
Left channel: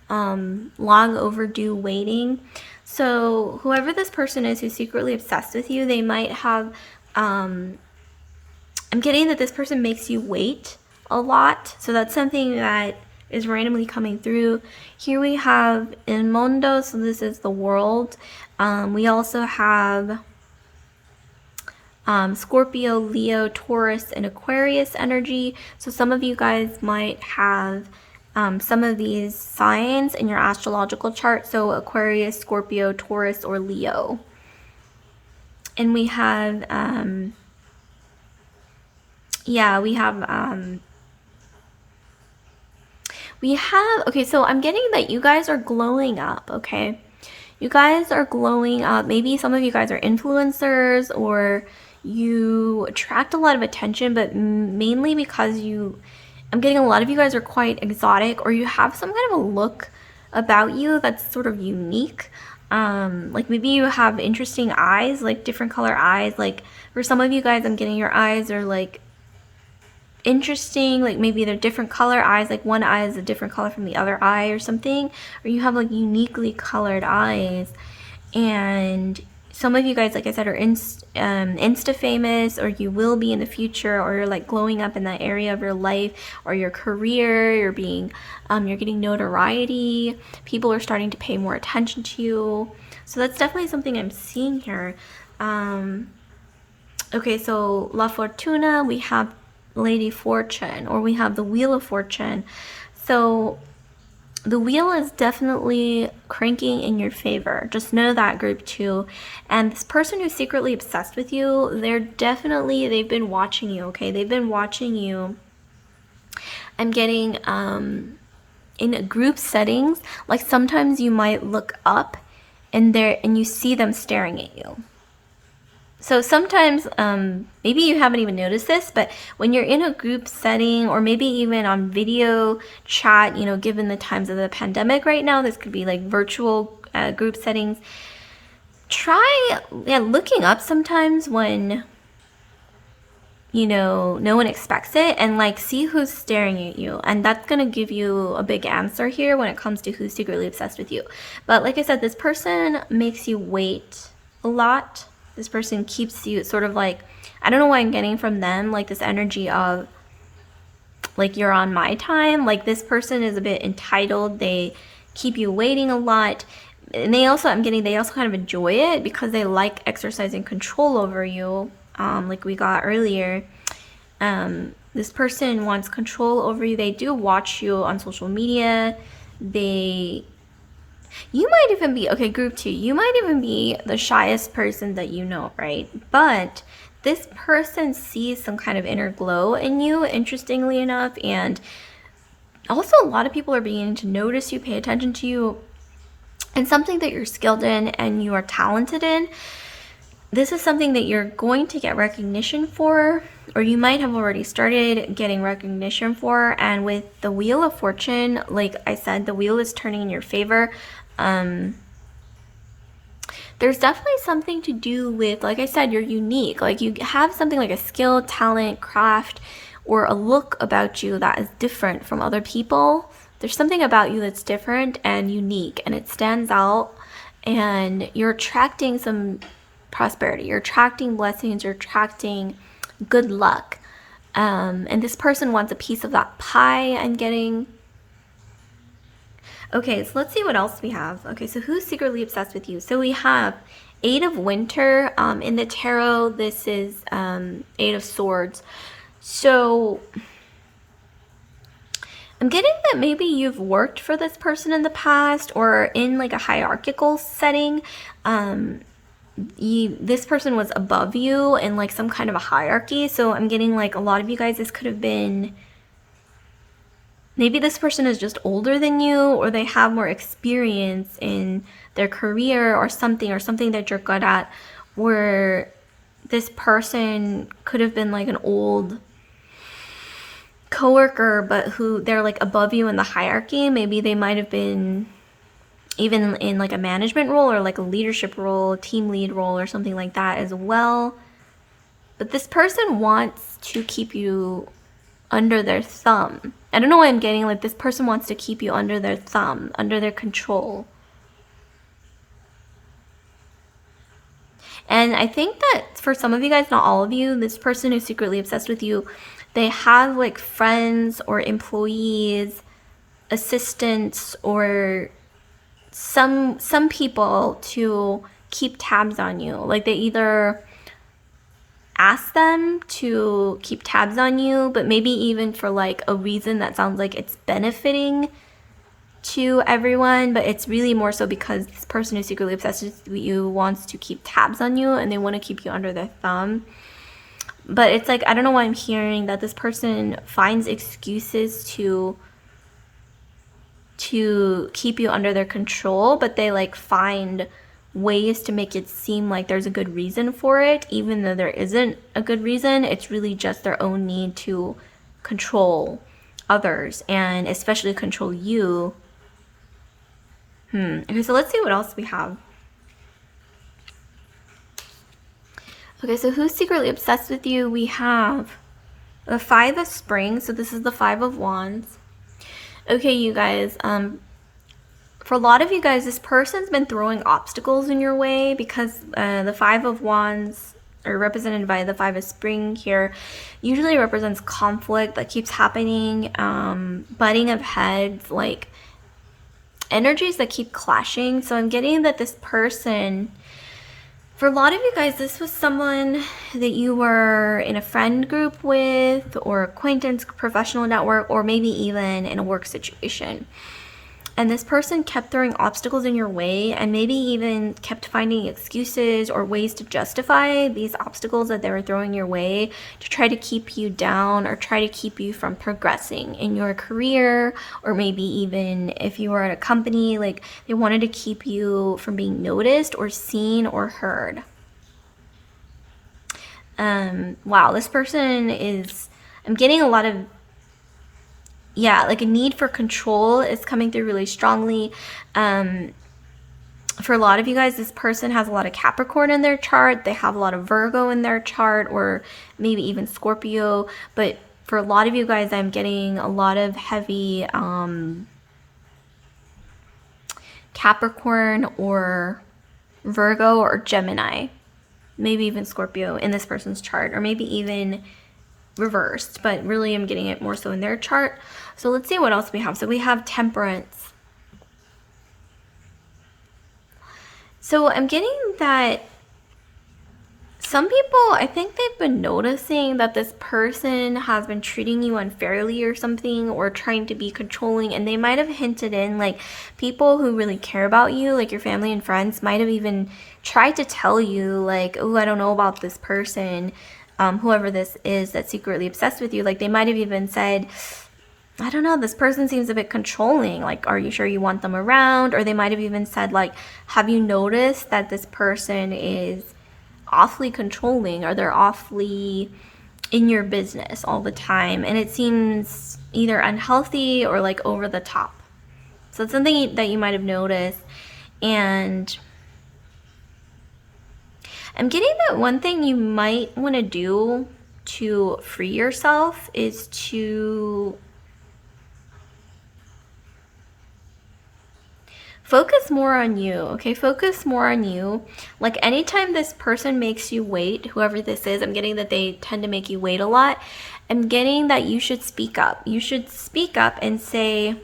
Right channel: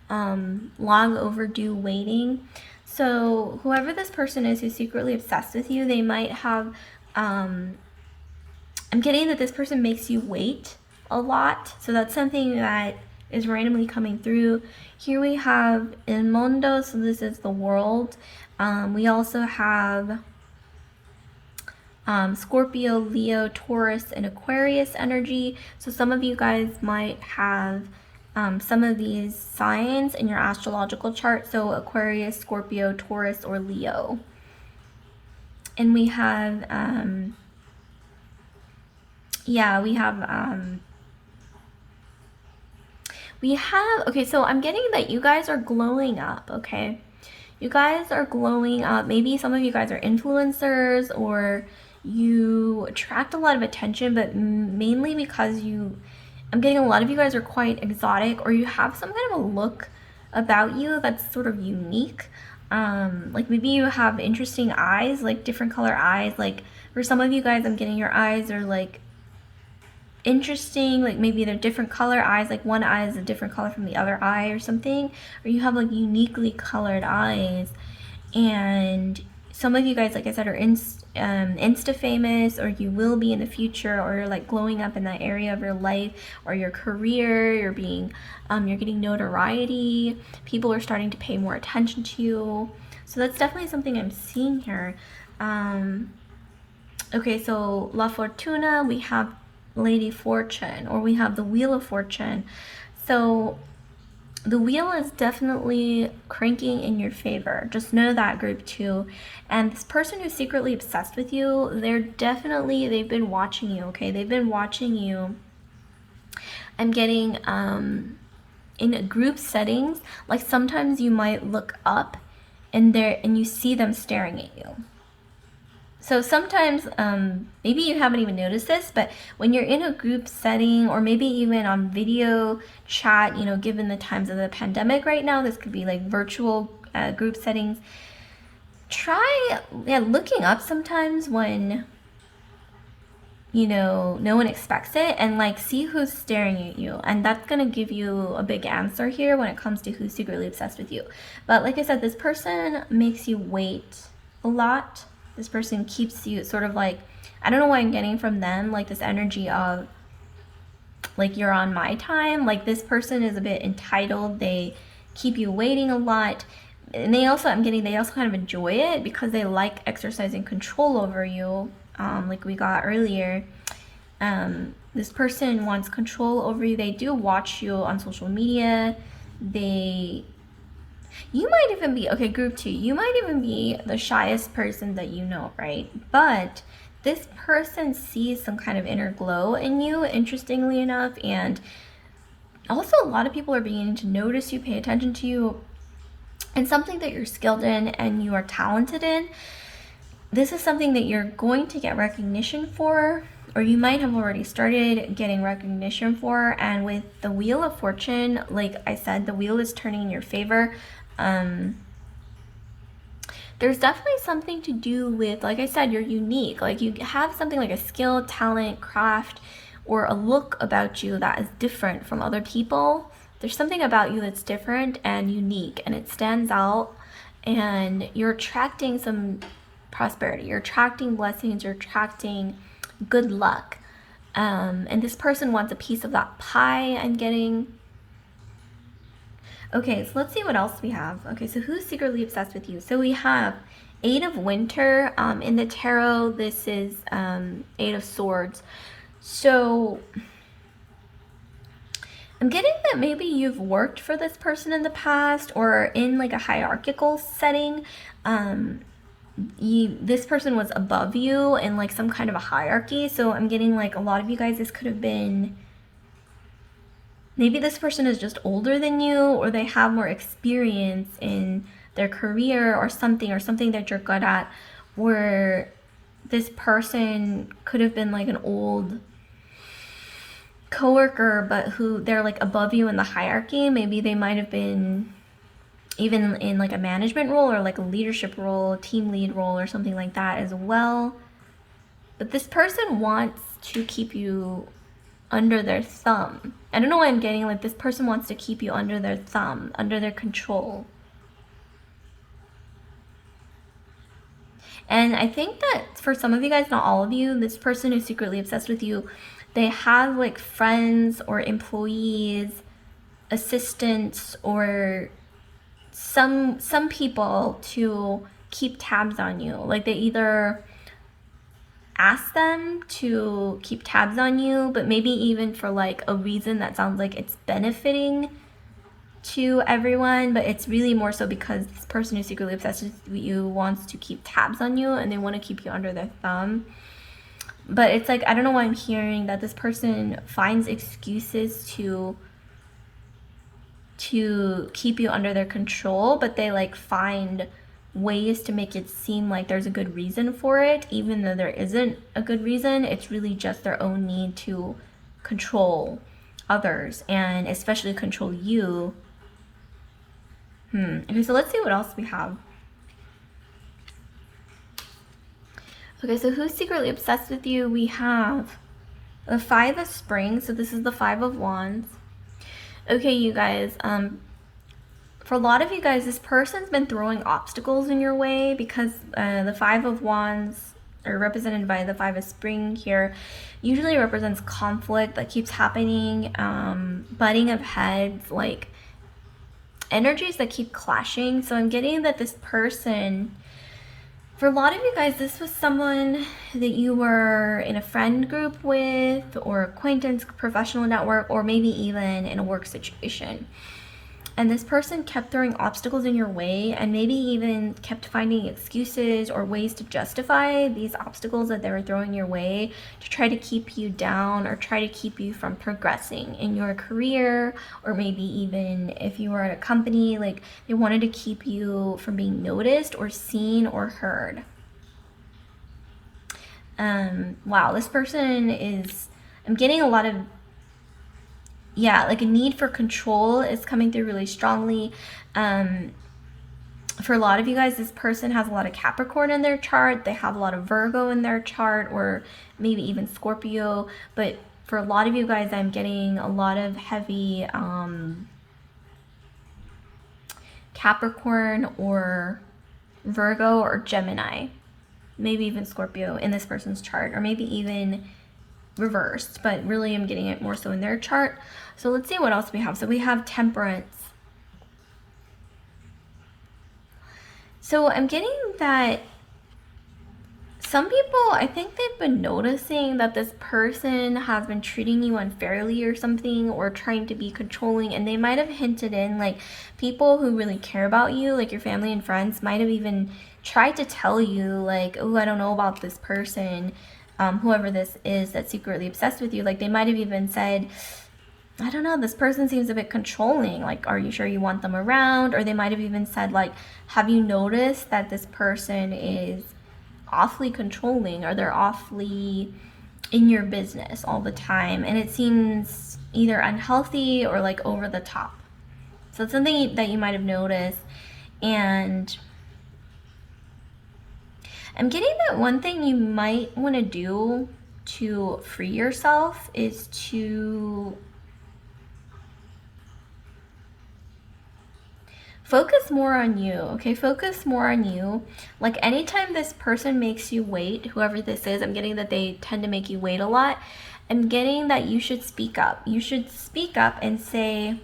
long overdue waiting. So whoever this person is who's secretly obsessed with you, they might have, I'm getting that this person makes you wait a lot. So that's something that is randomly coming through. Here we have El Mundo, so this is the world. We also have Scorpio, Leo, Taurus, and Aquarius energy. So some of you guys might have some of these signs in your astrological chart. So Aquarius, Scorpio, Taurus, or Leo. And we have, okay, so I'm getting that you guys are glowing up, okay? You guys are glowing up. Maybe some of you guys are influencers, or you attract a lot of attention, but mainly because I'm getting a lot of you guys are quite exotic, or you have some kind of a look about you that's sort of unique. Like maybe you have interesting eyes, like different color eyes. Like for some of you guys, I'm getting your eyes are like interesting, like maybe they're different color eyes, like one eye is a different color from the other eye or something, or you have like uniquely colored eyes. And some of you guys, like I said, are insta famous, or you will be in the future, or you're like glowing up in that area of your life or your career. You're getting notoriety. People are starting to pay more attention to you. So that's definitely something I'm seeing here. Okay, so La Fortuna, we have Lady Fortune, or we have the Wheel of Fortune. So the wheel is definitely cranking in your favor. Just know that, group 2. And this person who's secretly obsessed with you, they've been watching you, okay? They've been watching you. I'm getting in group settings, like sometimes you might look up and you see them staring at you. So sometimes, maybe you haven't even noticed this, but when you're in a group setting, or maybe even on video chat, given the times of the pandemic right now, this could be like virtual group settings. Try looking up sometimes when, no one expects it, and like see who's staring at you. And that's going to give you a big answer here when it comes to who's secretly obsessed with you. But like I said, this person makes you wait a lot. This person keeps you sort of like, I don't know why I'm getting from them, like this energy of like you're on my time. Like this person is a bit entitled. They keep you waiting a lot. And they also kind of enjoy it because they like exercising control over you, like we got earlier. This person wants control over you. They do watch you on social media. You might even be, okay, group 2, you might even be the shyest person that you know, right? But this person sees some kind of inner glow in you, interestingly enough, and also a lot of people are beginning to notice you, pay attention to you, and something that you're skilled in and you are talented in. This is something that you're going to get recognition for, or you might have already started getting recognition for. And with the Wheel of Fortune, like I said, the wheel is turning in your favor. There's definitely something to do with, like I said, you're unique. Like you have something like a skill, talent, craft, or a look about you that is different from other people. There's something about you that's different and unique, and it stands out, and you're attracting some prosperity. You're attracting blessings. You're attracting good luck. And this person wants a piece of that pie, I'm getting. Okay, so let's see what else we have. Okay, so who's secretly obsessed with you? So we have Eight of Winter. In the tarot, this is Eight of Swords. So I'm getting that maybe you've worked for this person in the past, or in like a hierarchical setting. This person was above you in like some kind of a hierarchy. So I'm getting like a lot of you guys, this could have been, maybe this person is just older than you, or they have more experience in their career or something that you're good at, where this person could have been like an old coworker, but who they're like above you in the hierarchy. Maybe they might have been even in like a management role, or like a leadership role, team lead role, or something like that as well. But this person wants to keep you under their thumb. I don't know why I'm getting like this person wants to keep you under their thumb, under their control. And I think that for some of you guys, not all of you, this person who's secretly obsessed with you, they have like friends or employees, assistants, or some people to keep tabs on you. Like they either ask them to keep tabs on you, but maybe even for like a reason that sounds like it's benefiting to everyone, but it's really more so because this person who's secretly obsessed with you wants to keep tabs on you, and they want to keep you under their thumb. But it's like, I don't know why I'm hearing that this person finds excuses to keep you under their control, but they like find ways to make it seem like there's a good reason for it, even though there isn't a good reason. It's really just their own need to control others, and especially control you. Okay, so let's see what else we have. Okay, so who's secretly obsessed with you? We have the Five of Springs. So this is the Five of Wands. Okay, you guys, for a lot of you guys, this person's been throwing obstacles in your way because the Five of Wands, or represented by the Five of Spring here, usually represents conflict that keeps happening, butting of heads, like energies that keep clashing. So I'm getting that this person, for a lot of you guys, this was someone that you were in a friend group with, or acquaintance, professional network, or maybe even in a work situation. And this person kept throwing obstacles in your way, and maybe even kept finding excuses or ways to justify these obstacles that they were throwing your way to try to keep you down or try to keep you from progressing in your career, or maybe even if you were at a company, like they wanted to keep you from being noticed or seen or heard. Wow, this person is, I'm getting a lot of, yeah, like a need for control is coming through really strongly. For a lot of you guys, this person has a lot of Capricorn in their chart. They have a lot of Virgo in their chart, or maybe even Scorpio. But for a lot of you guys, I'm getting a lot of heavy Capricorn or Virgo or Gemini, maybe even Scorpio in this person's chart, or maybe even reversed, but really I'm getting it more so in their chart. So let's see what else we have. So we have Temperance. So I'm getting that some people, I think they've been noticing that this person has been treating you unfairly or something, or trying to be controlling, and they might have hinted in, like people who really care about you, like your family and friends, might have even tried to tell you like, oh, I don't know about this person, whoever this is that's secretly obsessed with you. Like they might have even said, I don't know, this person seems a bit controlling, like are you sure you want them around? Or they might have even said like, have you noticed that this person is awfully controlling, or they're awfully in your business all the time, and it seems either unhealthy or like over the top. So it's something that you might have noticed. And I'm getting that one thing you might want to do to free yourself is to focus more on you, okay? Focus more on you. Like anytime this person makes you wait, whoever this is, I'm getting that they tend to make you wait a lot. I'm getting that you should speak up. You should speak up and say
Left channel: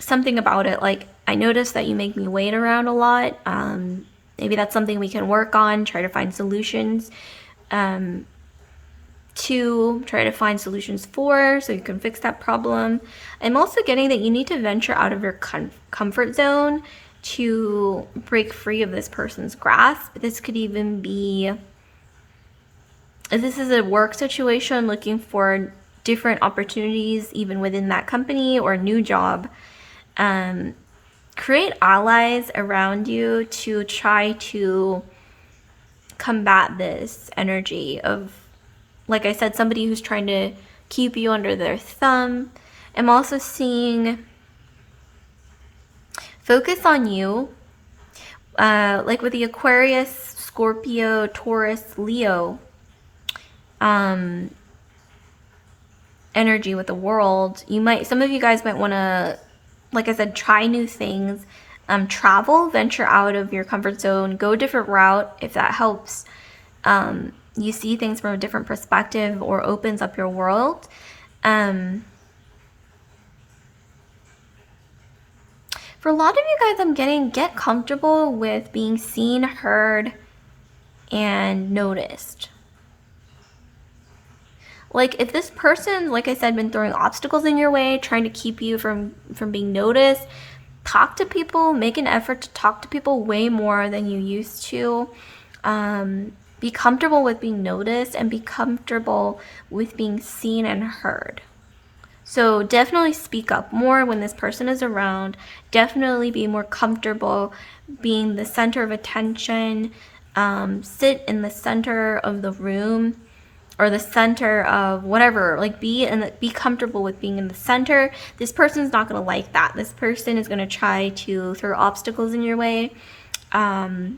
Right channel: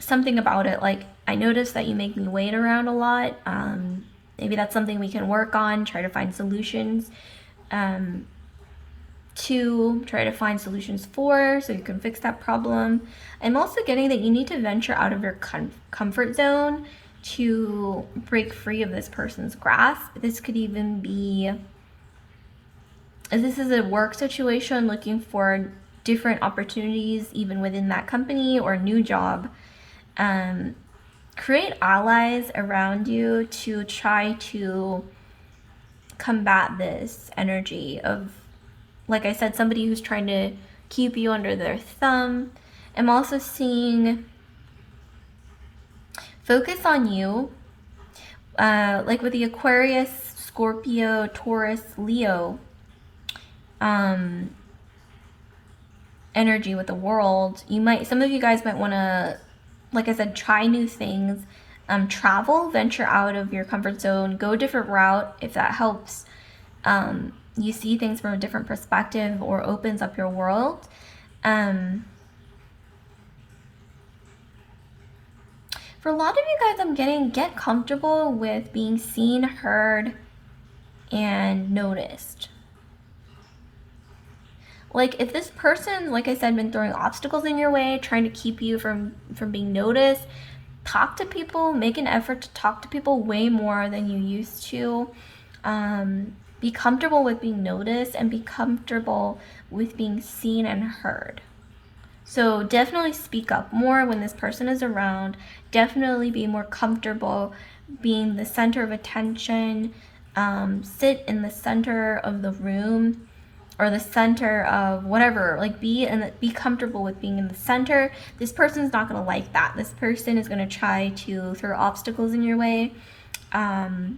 something about it. Like, I noticed that you make me wait around a lot. Maybe that's something we can work on, try to find solutions to, try to find solutions for, so you can fix that problem. I'm also getting that you need to venture out of your comfort zone to break free of this person's grasp. This could even be, if this is a work situation, looking for different opportunities even within that company or a new job. Create allies around you to try to combat this energy of, like I said, somebody who's trying to keep you under their thumb. I'm also seeing focus on you, like with the Aquarius, Scorpio, Taurus, Leo energy with the world. Some of you guys might want to, like I said, try new things, travel, venture out of your comfort zone, go a different route if that helps. You see things from a different perspective or opens up your world. For a lot of you guys, I'm getting, get comfortable with being seen, heard, and noticed. Like if this person, like I said, been throwing obstacles in your way, trying to keep you from being noticed, talk to people, make an effort to talk to people way more than you used to. Be comfortable with being noticed and be comfortable with being seen and heard. So definitely speak up more when this person is around. Definitely be more comfortable being the center of attention. Sit in the center of the room or the center of whatever. Like be comfortable with being in the center. This person's not gonna like that. This person is gonna try to throw obstacles in your way. But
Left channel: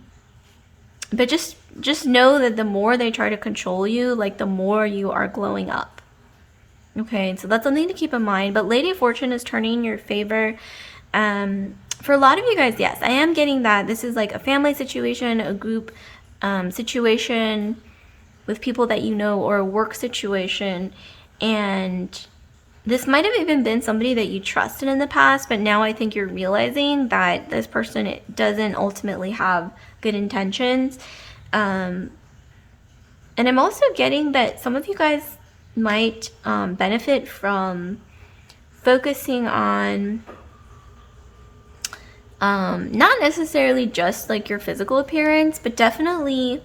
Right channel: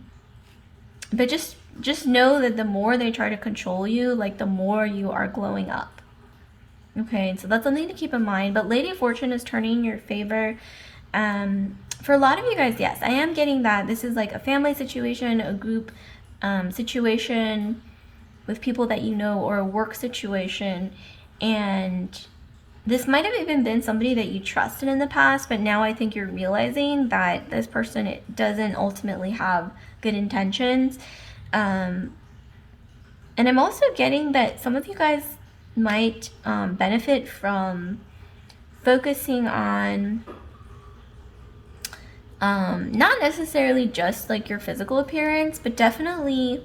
just know that the more they try to control you, like the more you are glowing up. Okay, so that's something to keep in mind. But Lady of Fortune is turning in your favor. For a lot of you guys, yes, I am getting that this is like a family situation, a group situation with people that you know, or a work situation. And this might have even been somebody that you trusted in the past, but now I think you're realizing that this person doesn't ultimately have good intentions. And I'm also getting that some of you guys might benefit from focusing on not necessarily just like your physical appearance, but definitely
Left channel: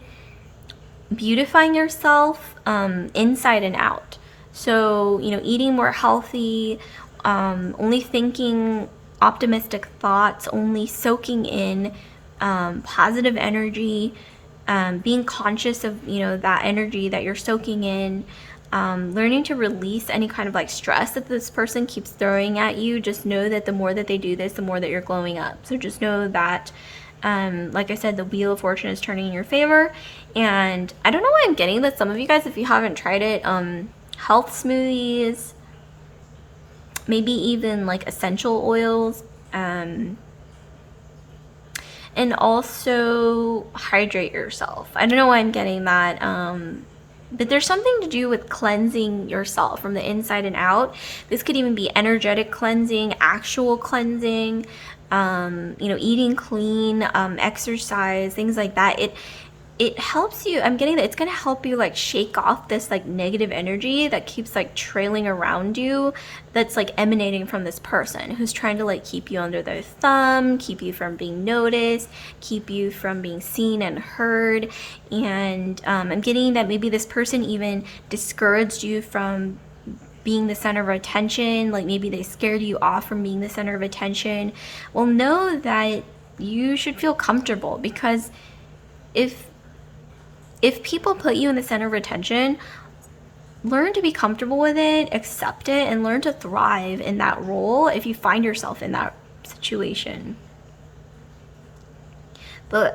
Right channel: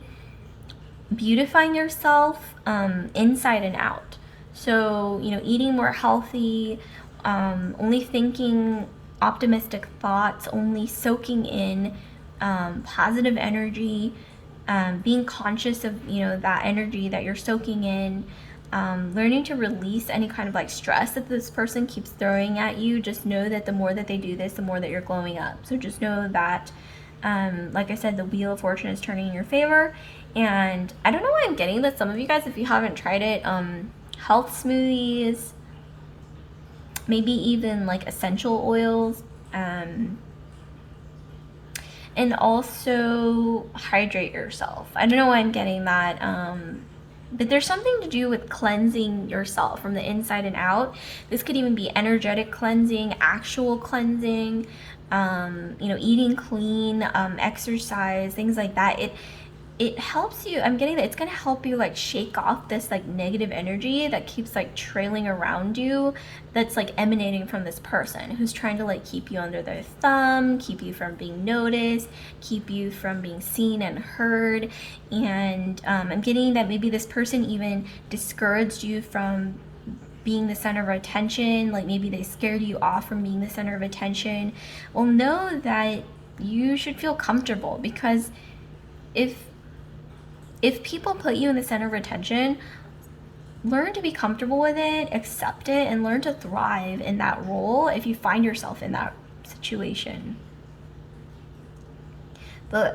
beautifying yourself inside and out. So, you know, eating more healthy, only thinking optimistic thoughts, only soaking in positive energy, being conscious of, you know, that energy that you're soaking in, learning to release any kind of like stress that this person keeps throwing at you. Just know that the more that they do this, the more that you're glowing up. So just know that, like I said, the Wheel of Fortune is turning in your favor. And I don't know why I'm getting that some of you guys, if you haven't tried it, health smoothies, maybe even like essential oils, and also hydrate yourself. I don't know why I'm getting that, but there's something to do with cleansing yourself from the inside and out. This could even be energetic cleansing, actual cleansing, you know, eating clean, exercise, things like that. It helps you. I'm getting that it's going to help you like shake off this like negative energy that keeps like trailing around you, that's like emanating from this person who's trying to like keep you under their thumb, keep you from being noticed, keep you from being seen and heard. And I'm getting that maybe this person even discouraged you from being the center of attention. Like maybe they scared you off from being the center of attention. Well, know that you should feel comfortable, because if people put you in the center of attention, learn to be comfortable with it, accept it, and learn to thrive in that role if you find yourself in that situation. But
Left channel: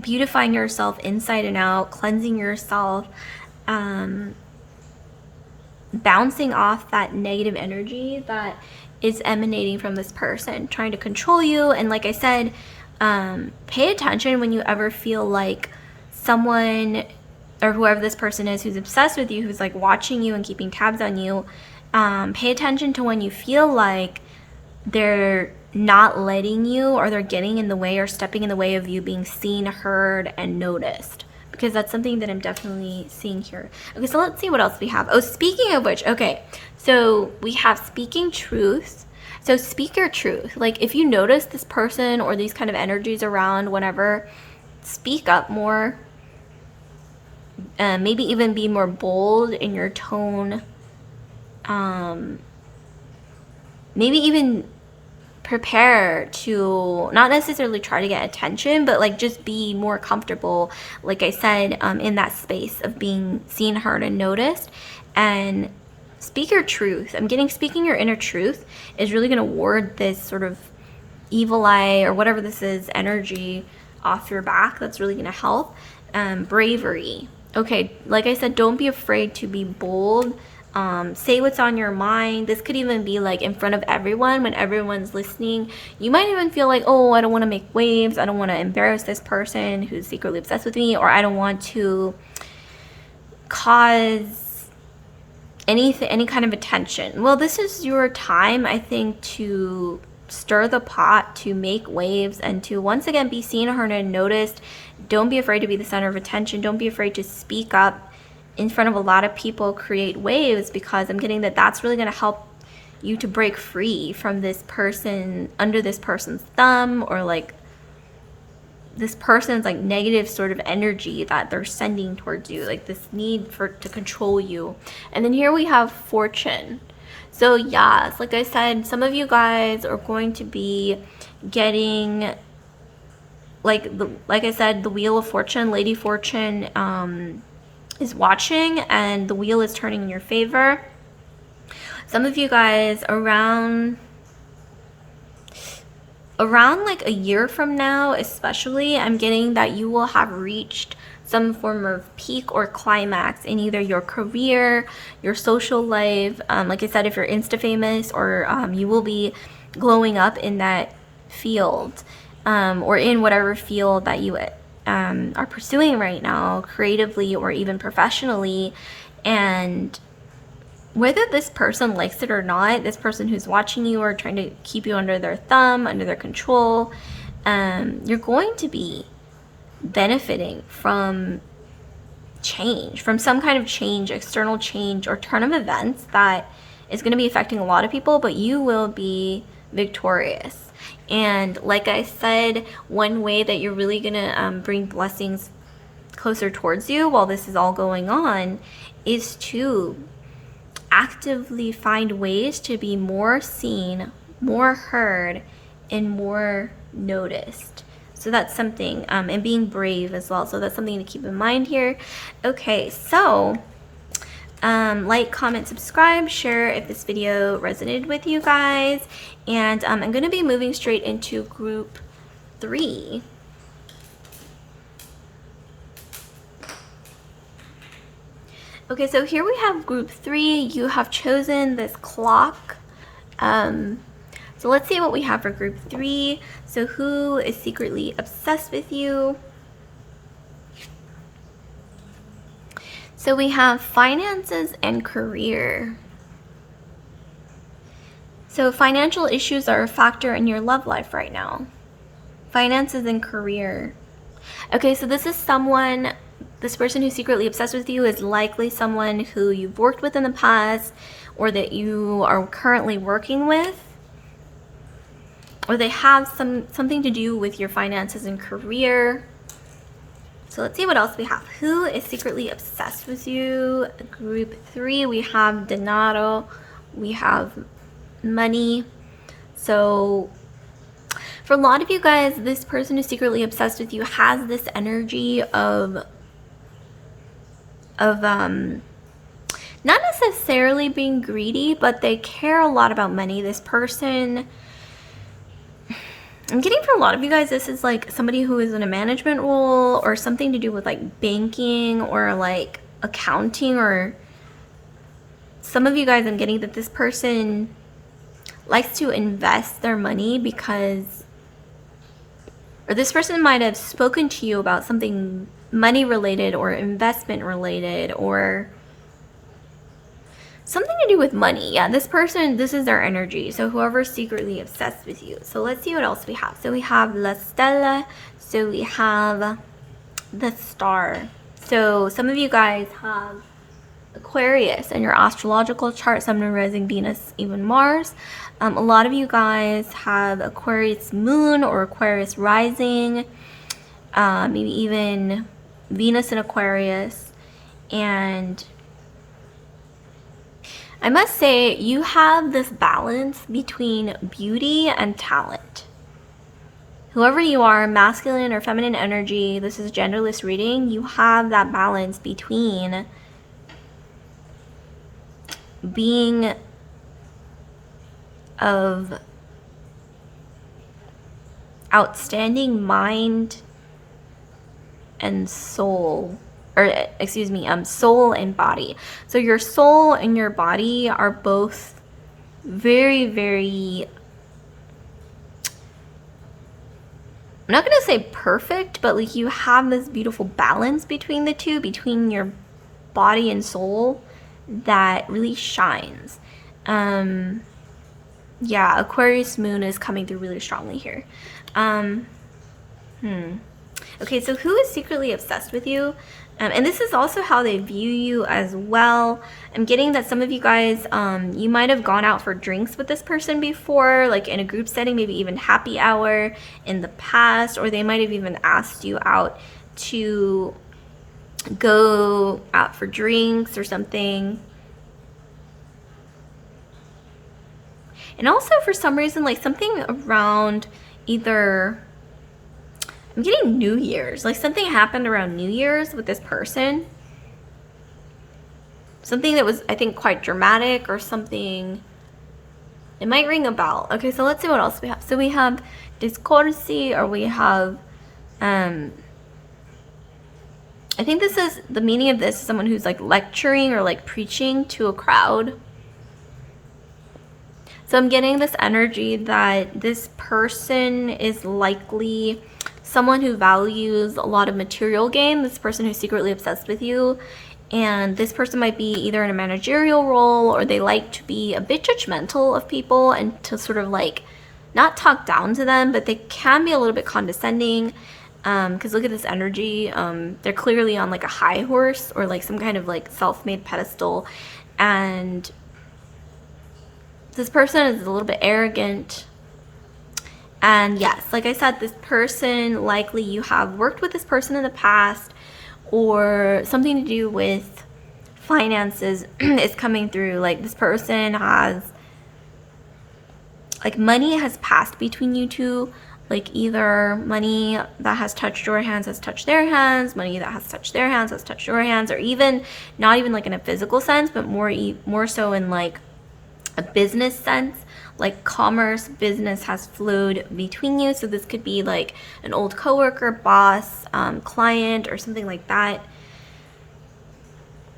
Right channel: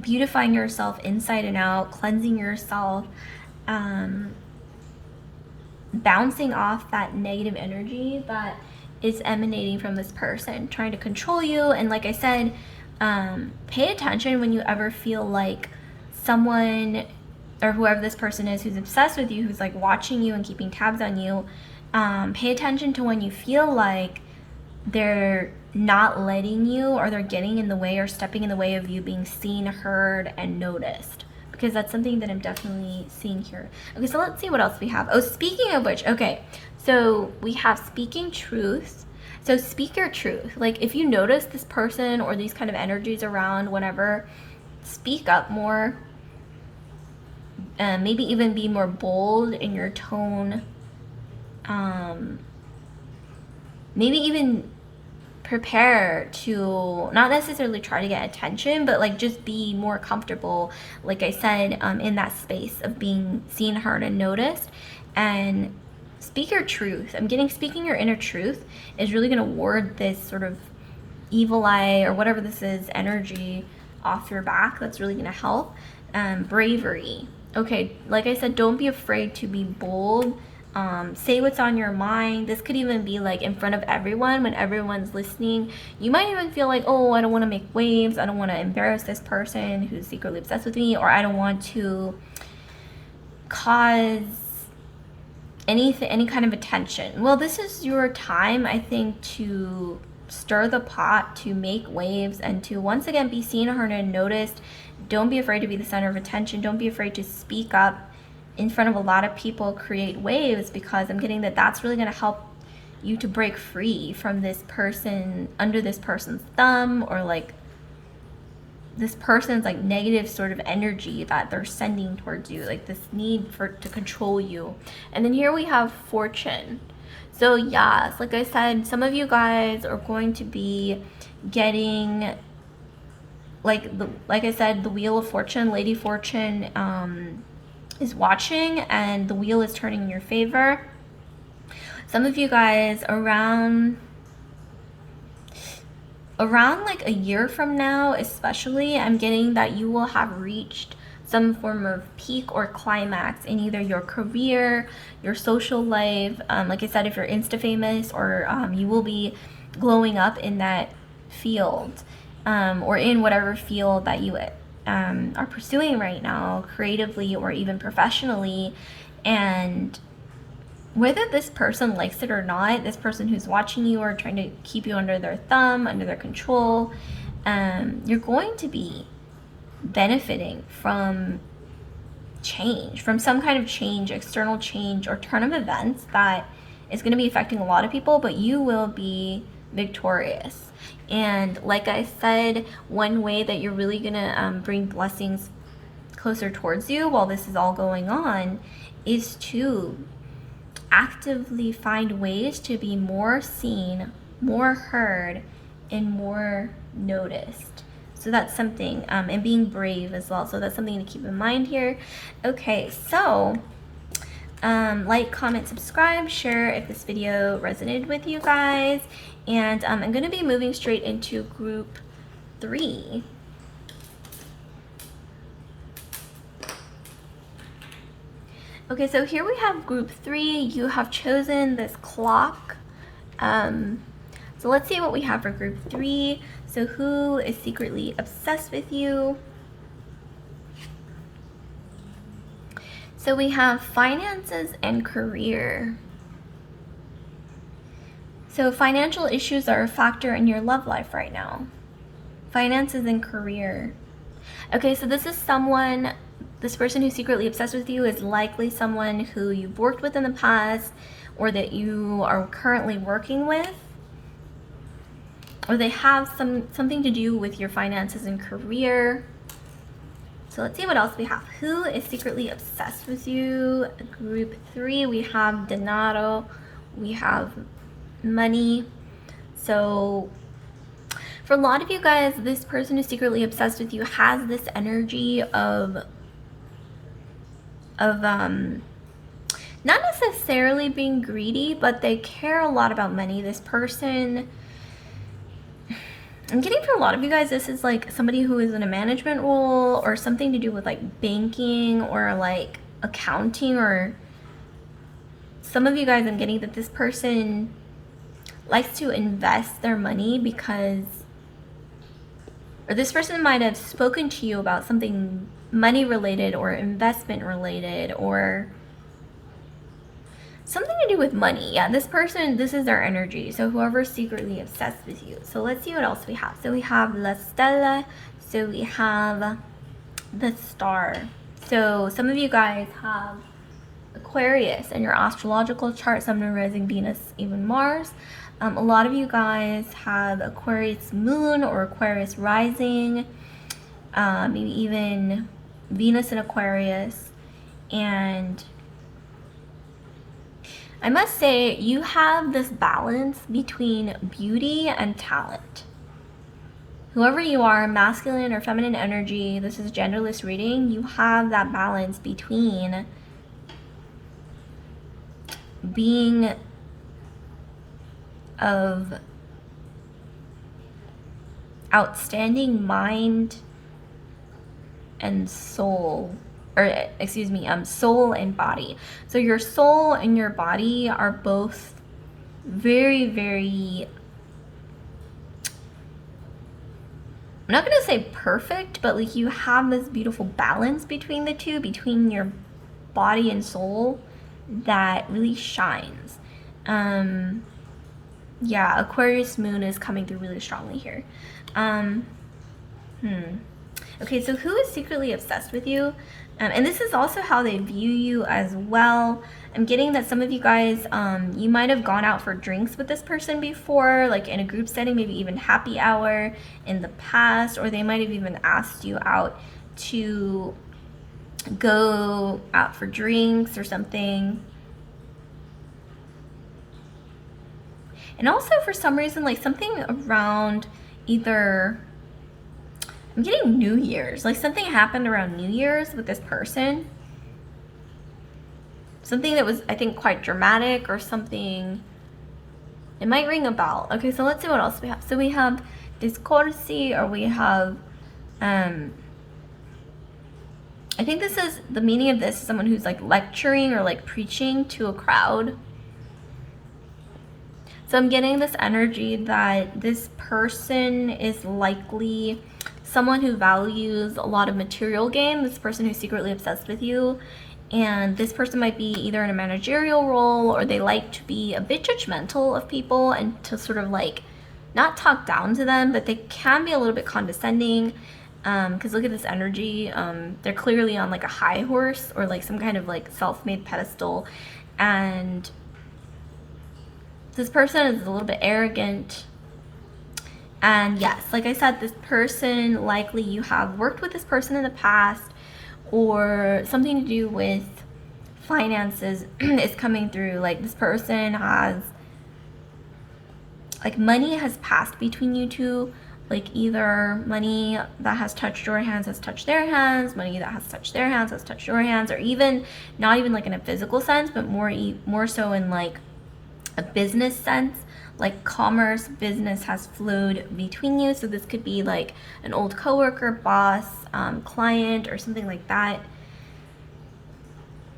beautifying yourself inside and out, cleansing yourself, bouncing off that negative energy that is emanating from this person trying to control you. And like I said, pay attention when you ever feel like someone or whoever this person is who's obsessed with you, who's like watching you and keeping tabs on you. Pay attention to when you feel like they're not letting you, or they're getting in the way or stepping in the way of you being seen, heard, and noticed, because that's something that I'm definitely seeing here. Okay, so let's see what else we have. Oh, speaking of which, okay, so we have speaking truth. So speak your truth. Like if you notice this person or these kind of energies around whenever, speak up more. Maybe even be more bold in your tone. Maybe even prepare to not necessarily try to get attention, but like just be more comfortable, like I said, in that space of being seen, heard, and noticed. And speak your truth. I'm getting speaking your inner truth is really going to ward this sort of evil eye or whatever this is energy off your back. That's really going to help. Bravery. Okay, like I said, don't be afraid to be bold. Say what's on your mind. This could even be like in front of everyone, when everyone's listening. You might even feel like, oh, I don't want to make waves. I don't want to embarrass this person who's secretly obsessed with me, or I don't want to cause any kind of attention. Well, this is your time, I think, to stir the pot, to make waves, and to once again be seen, heard, and noticed. Don't be afraid to be the center of attention. Don't be afraid to speak up in front of a lot of people, create waves, because I'm getting that that's really going to help you to break free from this person, under this person's thumb, or like this person's like negative sort of energy that they're sending towards you, like this need to control you. And then here we have fortune. So yes, like I said, some of you guys are going to be getting, like I said, the Wheel of Fortune, Lady Fortune is watching, and the wheel is turning in your favor. Some of you guys around like a year from now especially, I'm getting that you will have reached some form of peak or climax in either your career, your social life, like I said, if you're Insta famous, or you will be glowing up in that field, or in whatever field that you are pursuing right now, creatively or even professionally. And whether this person likes it or not, this person who's watching you or trying to keep you under their thumb, under their control, you're going to be benefiting from change, from some kind of change, external change or turn of events that is going to be affecting a lot of people, but you will be victorious. And like I said, one way that you're really going to bring blessings closer towards you while this is all going on is to actively find ways to be more seen, more heard, and more noticed. So that's something, and being brave as well. So that's something to keep in mind here. Okay, so like, comment, subscribe, share if this video resonated with you guys. And I'm going to be moving straight into group 3. Okay, so here we have group 3. You have chosen this clock. So let's see what we have for group 3. So who is secretly obsessed with you? So we have finances and career. So financial issues are a factor in your love life right now. Finances and career. Okay, so this is someone, this person who's secretly obsessed with you is likely someone who you've worked with in the past, or that you are currently working with, or they have something to do with your finances and career. So let's see what else we have. Who is secretly obsessed with you? Group 3, we have dinero, we have money. So for a lot of you guys, this person who's secretly obsessed with you has this energy of not necessarily being greedy, but they care a lot about money. This person, I'm getting for a lot of you guys, this is like somebody who is in a management role or something to do with like banking or like accounting, or some of you guys, I'm getting that this person likes to invest their money because, or this person might have spoken to you about something money related or investment related or something to do with money. Yeah, this person, this is their energy. So whoever's secretly obsessed with you. So let's see what else we have. So we have La Stella. So we have the Star. So some of you guys have Aquarius in your astrological chart, Sun, Moon, Rising, Venus, even Mars. A lot of you guys have Aquarius Moon or Aquarius Rising, maybe even Venus in Aquarius. And I must say, you have this balance between beauty and talent. Whoever you are, masculine or feminine energy, this is genderless reading, you have that balance between being of outstanding mind and soul, or excuse me, soul and body. So your soul and your body are both very, very, I'm not going to say perfect, but like you have this beautiful balance between the two, between your body and soul, that really shines. Yeah, Aquarius Moon is coming through really strongly here. Okay, so who is secretly obsessed with you? And this is also how they view you as well. I'm getting that some of you guys, you might have gone out for drinks with this person before, like in a group setting, maybe even happy hour in the past, or they might have even asked you out to go out for drinks or something. And also for some reason, like something around either, I'm getting New Year's, like something happened around New Year's with this person. Something that was, I think, quite dramatic or something. It might ring a bell. Okay, so let's see what else we have. So we have discoursi, or we have, I think this is, the meaning of this is someone who's like lecturing or like preaching to a crowd. So I'm getting this energy that this person is likely someone who values a lot of material gain, this person who's secretly obsessed with you. And this person might be either in a managerial role, or they like to be a bit judgmental of people and to sort of like not talk down to them, but they can be a little bit condescending. Because look at this energy. They're clearly on like a high horse or like some kind of like self-made pedestal. And this person is a little bit arrogant. And yes, like I said, this person, likely you have worked with this person in the past, or something to do with finances is coming through. Like this person has, like money has passed between you two. Like either money that has touched your hands has touched their hands, money that has touched their hands has touched your hands, or even not even like in a physical sense, but more so in like a business sense. Like commerce, business has flowed between you. So this could be like an old coworker, boss, client, or something like that.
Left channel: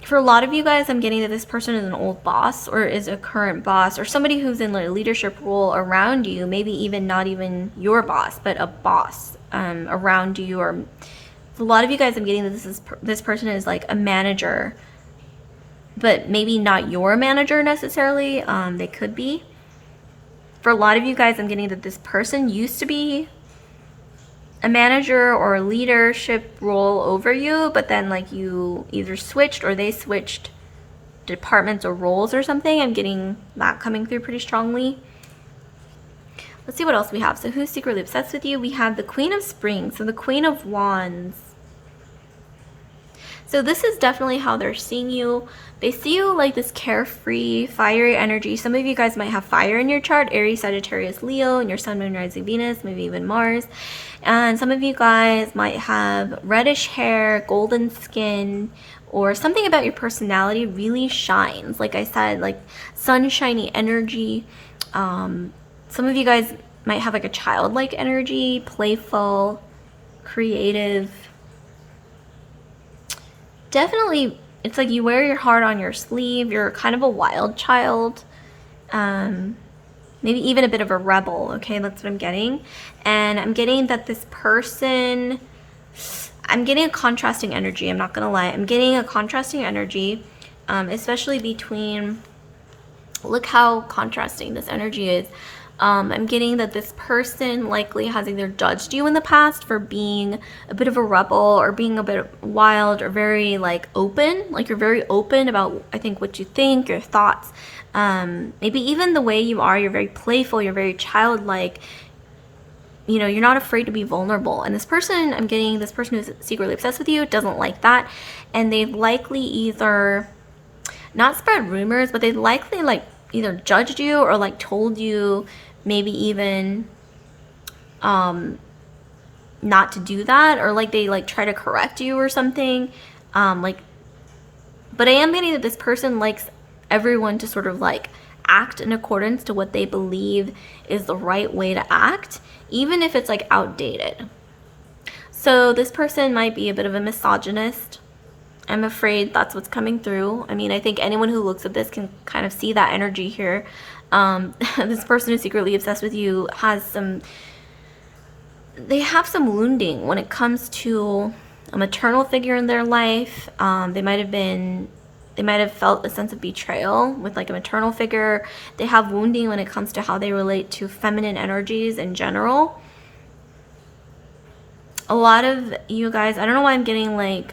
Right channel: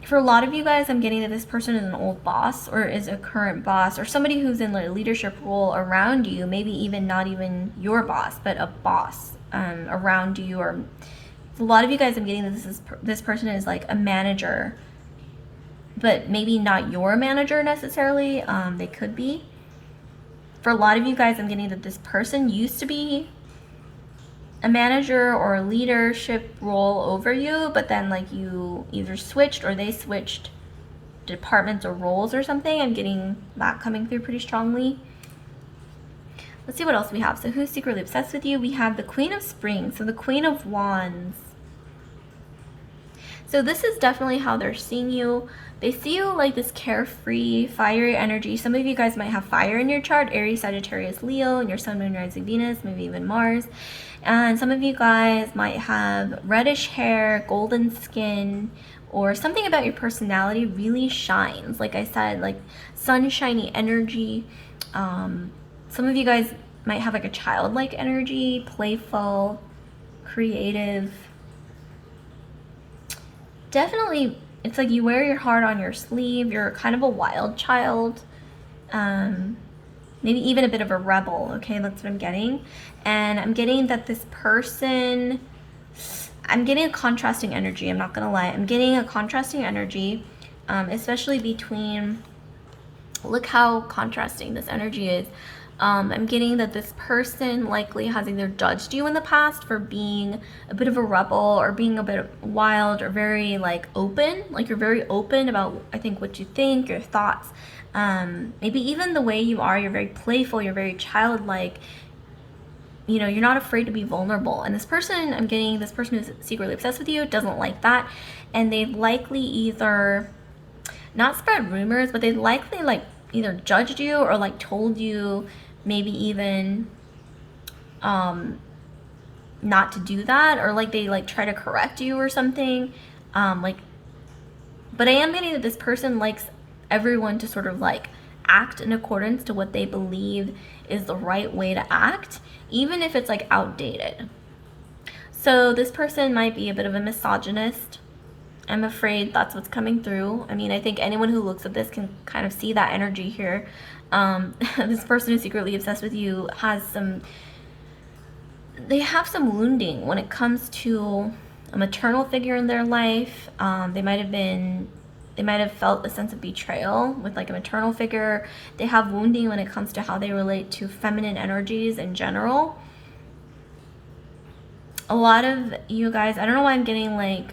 For a lot of you guys, I'm getting that this person is an old boss or is a current boss, or somebody who's in a leadership role around you, maybe even not even your boss, but a boss around you. Or for a lot of you guys, I'm getting that this person is like a manager, but maybe not your manager necessarily. They could be. For a lot of you guys, I'm getting that this person used to be a manager or a leadership role over you, but then like you either switched or they switched departments or roles or something. I'm getting that coming through pretty strongly. Let's see what else we have. So who's secretly obsessed with you? We have the Queen of Spring, so the Queen of Wands. So this is definitely how they're seeing you. They see you like this carefree, fiery energy. Some of you guys might have fire in your chart, Aries, Sagittarius, Leo, and your Sun, Moon, Rising, Venus, maybe even Mars. And some of you guys might have reddish hair, golden skin, or something about your personality really shines. Like I said, like sunshiny energy. Some of you guys might have like a childlike energy, playful, creative. Definitely, it's like you wear your heart on your sleeve. You're kind of a wild child. Maybe even a bit of a rebel. Okay, that's what I'm getting. And I'm getting that this person, I'm getting a contrasting energy. I'm not going to lie. I'm getting a contrasting energy, especially between, look how contrasting this energy is. I'm getting that this person likely has either judged you in the past for being a bit of a rebel or being a bit wild or very like open. Like you're very open about, I think, what you think, your thoughts. Maybe even the way you are, you're very playful, you're very childlike. You know, you're not afraid to be vulnerable. And this person, I'm getting this person who's secretly obsessed with you doesn't like that. And they've likely either not spread rumors, but they've likely like either judged you or like told you maybe even not to do that, or like they like try to correct you or something. But I am getting that this person likes everyone to sort of like act in accordance to what they believe is the right way to act, even if it's like outdated. So this person might be a bit of a misogynist. I'm afraid that's what's coming through. I mean, I think anyone who looks at this can kind of see that energy here. This person who's secretly obsessed with you has they have some wounding when it comes to a maternal figure in their life. They might have felt a sense of betrayal with like a maternal figure. They have wounding when it comes to how they relate to feminine energies in general. A lot of you guys, I don't know why I'm getting like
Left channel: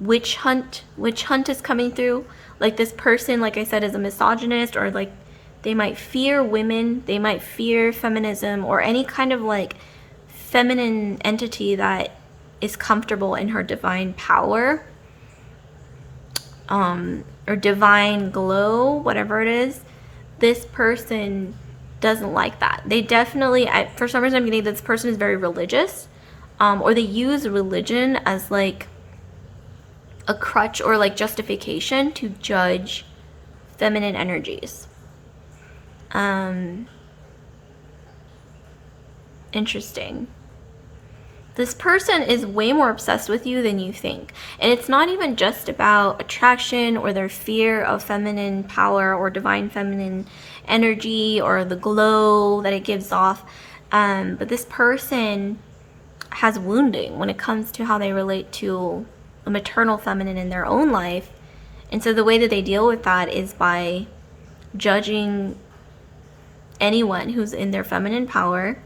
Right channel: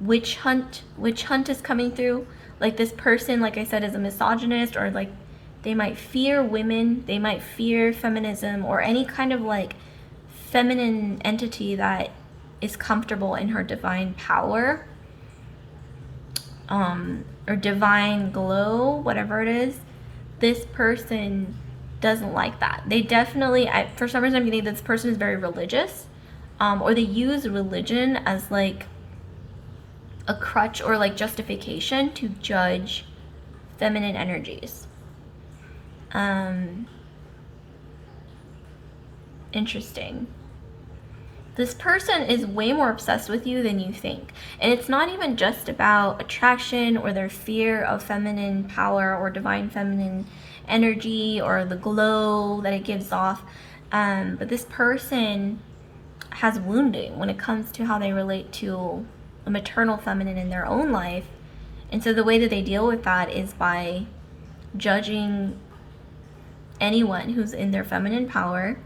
witch hunt is coming through. Like this person, like I said, is a misogynist, or like they might fear women, they might fear feminism, or any kind of like feminine entity that is comfortable in her divine power, or divine glow, whatever it is. this person doesn't like that. They definitely, for some reason I'm getting this person is very religious, or they use religion as like a crutch or like justification to judge feminine energies. Interesting. This person is way more obsessed with you than you think. And it's not even just about attraction or their fear of feminine power or divine feminine energy or the glow that it gives off. But this person has wounding when it comes to how they relate to a maternal feminine in their own life. And so the way that they deal with that is by judging anyone who's in their feminine power.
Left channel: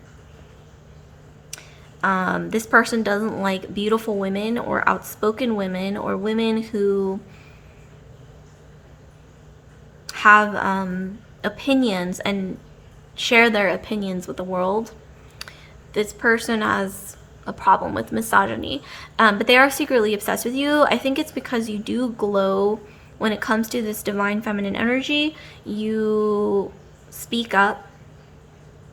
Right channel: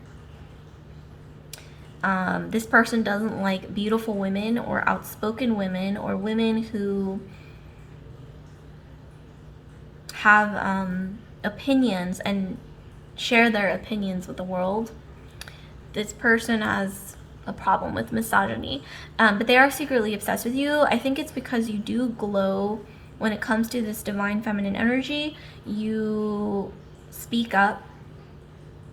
This person doesn't like beautiful women or outspoken women or women who have opinions and share their opinions with the world. This person has a problem with misogyny, but they are secretly obsessed with you. I think it's because you do glow when it comes to this divine feminine energy. You speak up.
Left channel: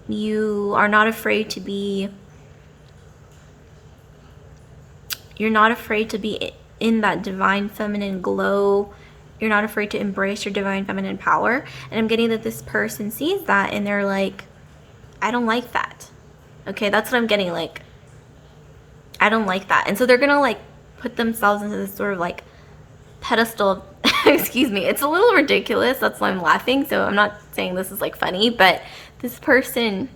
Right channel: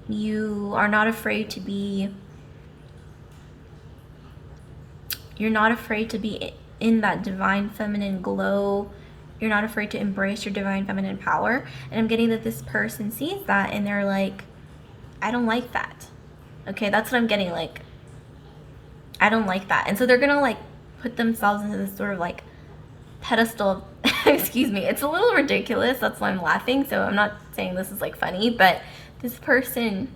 You are not afraid to be You're not afraid to be in that divine feminine glow. You're not afraid to embrace your divine feminine power. And I'm getting that this person sees that and they're like, I don't like that. Okay, that's what I'm getting, like, I don't like that. And so they're gonna like put themselves into this sort of like pedestal. Excuse me, it's a little ridiculous. That's why I'm laughing. So I'm not saying this is like funny, but this person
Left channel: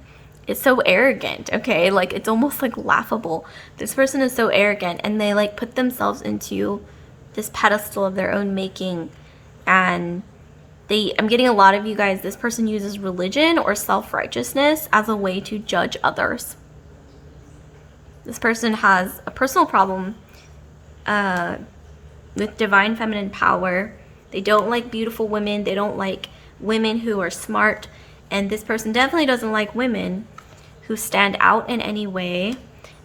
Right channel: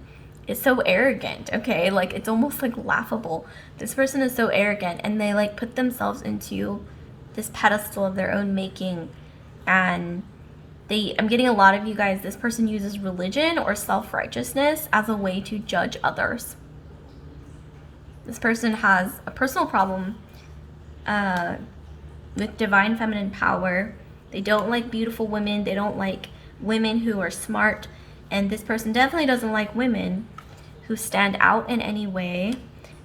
is so arrogant, okay? Like, it's almost like laughable. This person is so arrogant and they like put themselves into this pedestal of their own making. And I'm getting a lot of you guys, this person uses religion or self-righteousness as a way to judge others. This person has a personal problem with divine feminine power. They don't like beautiful women. They don't like women who are smart. And this person definitely doesn't like women who stand out in any way.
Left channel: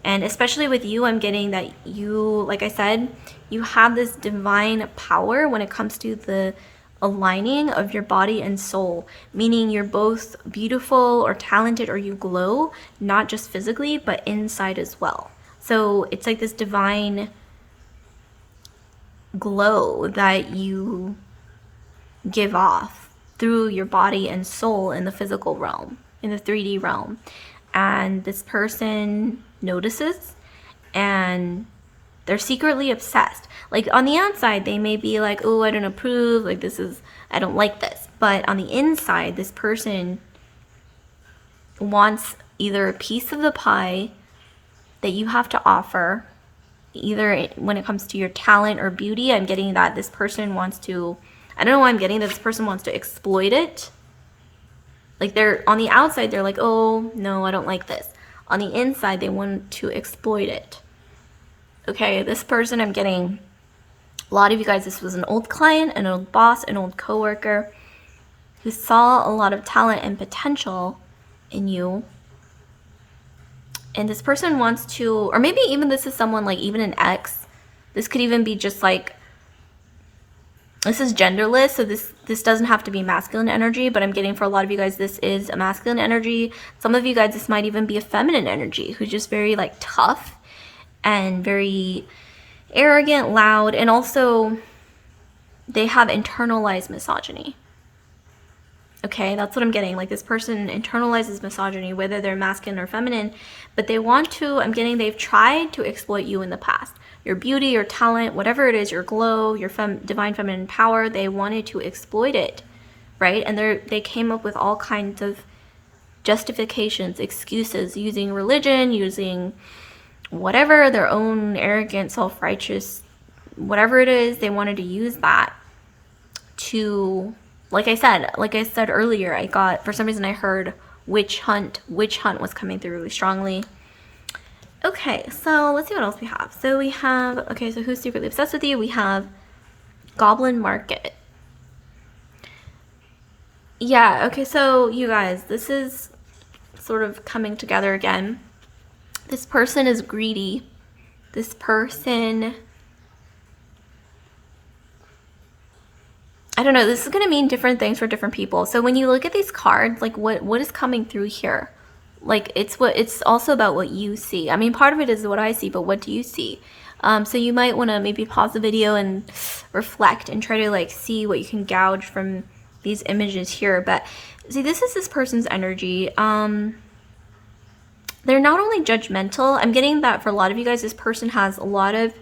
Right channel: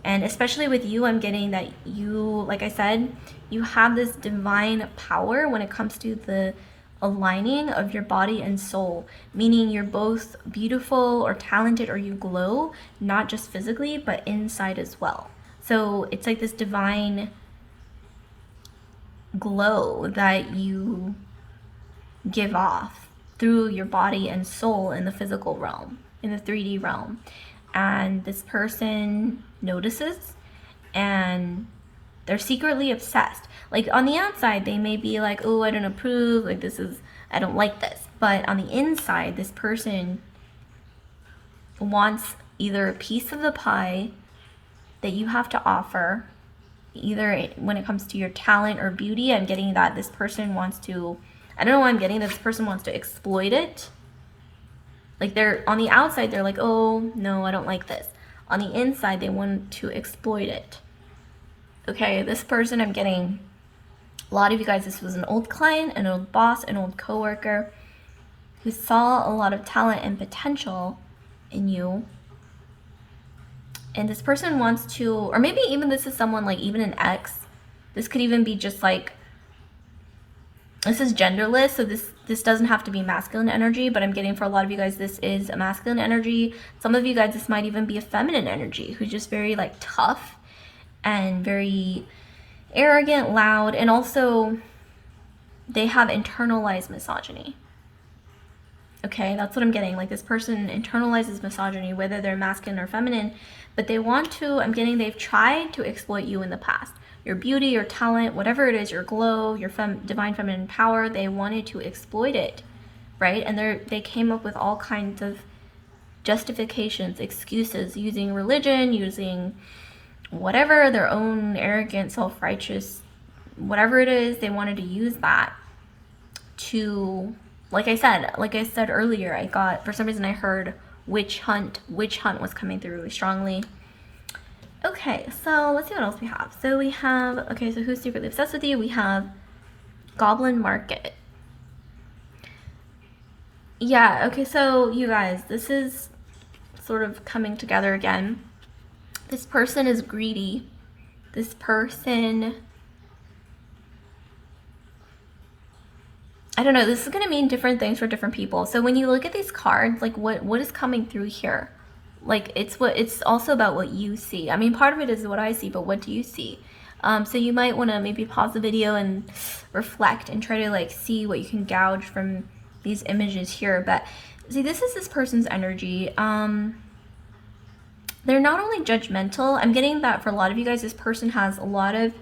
And especially with you, I'm getting that you, like I said, you have this divine power when it comes to the aligning of your body and soul, meaning you're both beautiful or talented or you glow, not just physically, but inside as well. So it's like this divine glow that you give off through your body and soul in the physical realm, in the 3D realm. And this person notices and they're secretly obsessed. Like, on the outside, they may be like, oh, I don't approve, like, I don't like this. But on the inside, this person wants either a piece of the pie that you have to offer, either when it comes to your talent or beauty. I'm getting that this person wants to, I don't know why I'm getting that this person wants to exploit it. Like, they're on the outside, they're like, oh, no, I don't like this. On the inside, they want to exploit it. Okay, this person, I'm getting a lot of you guys, this was an old client, an old boss, an old coworker who saw a lot of talent and potential in you. And this person wants to, or maybe even this is someone like even an ex. This could even be just like, this is genderless, so this doesn't have to be masculine energy, but I'm getting for a lot of you guys, this is a masculine energy. Some of you guys, this might even be a feminine energy who's just very like tough and very arrogant, loud, and also they have internalized misogyny. Okay, that's what I'm getting. Like, this person internalizes misogyny, whether they're masculine or feminine, but they want to, I'm getting they've tried to exploit you in the past. Your beauty, your talent, whatever it is, your glow, your divine feminine power, they wanted to exploit it, right? And they came up with all kinds of justifications, excuses, using religion, using whatever, their own arrogant, self-righteous, whatever it is, they wanted to use that to, like I said earlier, I got, for some reason I heard witch hunt was coming through really strongly. Okay, so let's see what else we have. So we have, okay, so who's secretly obsessed with you? We have Goblin Market. Yeah, okay, so you guys, this is sort of coming together again. This person is greedy. This person, I don't know, this is going to mean different things for different people. So when you look at these cards, like what is coming through here? Like it's also about what you see. I mean, part of it is what I see, but what do you see? So you might want to maybe pause the video and reflect and try to like see what you can gouge from these images here. But see, this is this person's energy. They're not only judgmental. I'm getting that for a lot of you guys, this person has a lot of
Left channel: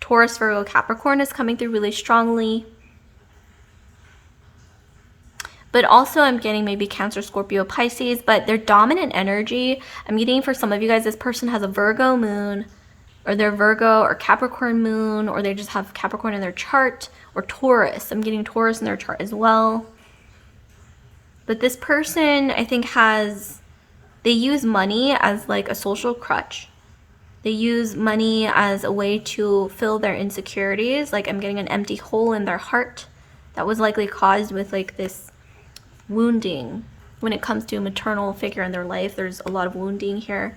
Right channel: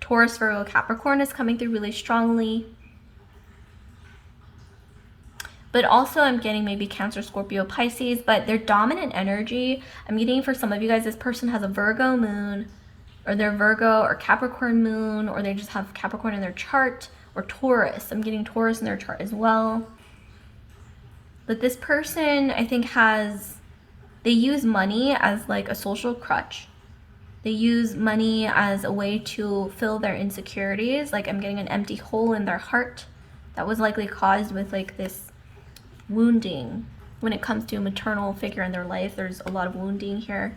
Taurus, Virgo, Capricorn is coming through really strongly. But also I'm getting maybe Cancer, Scorpio, Pisces, but their dominant energy, I'm getting for some of you guys, this person has a Virgo moon, or they're Virgo or Capricorn moon, or they just have Capricorn in their chart, or Taurus. I'm getting Taurus in their chart as well. But this person, I think, they use money as like a social crutch. They use money as a way to fill their insecurities. Like I'm getting an empty hole in their heart that was likely caused with like this wounding. When it comes to a maternal figure in their life, there's a lot of wounding here.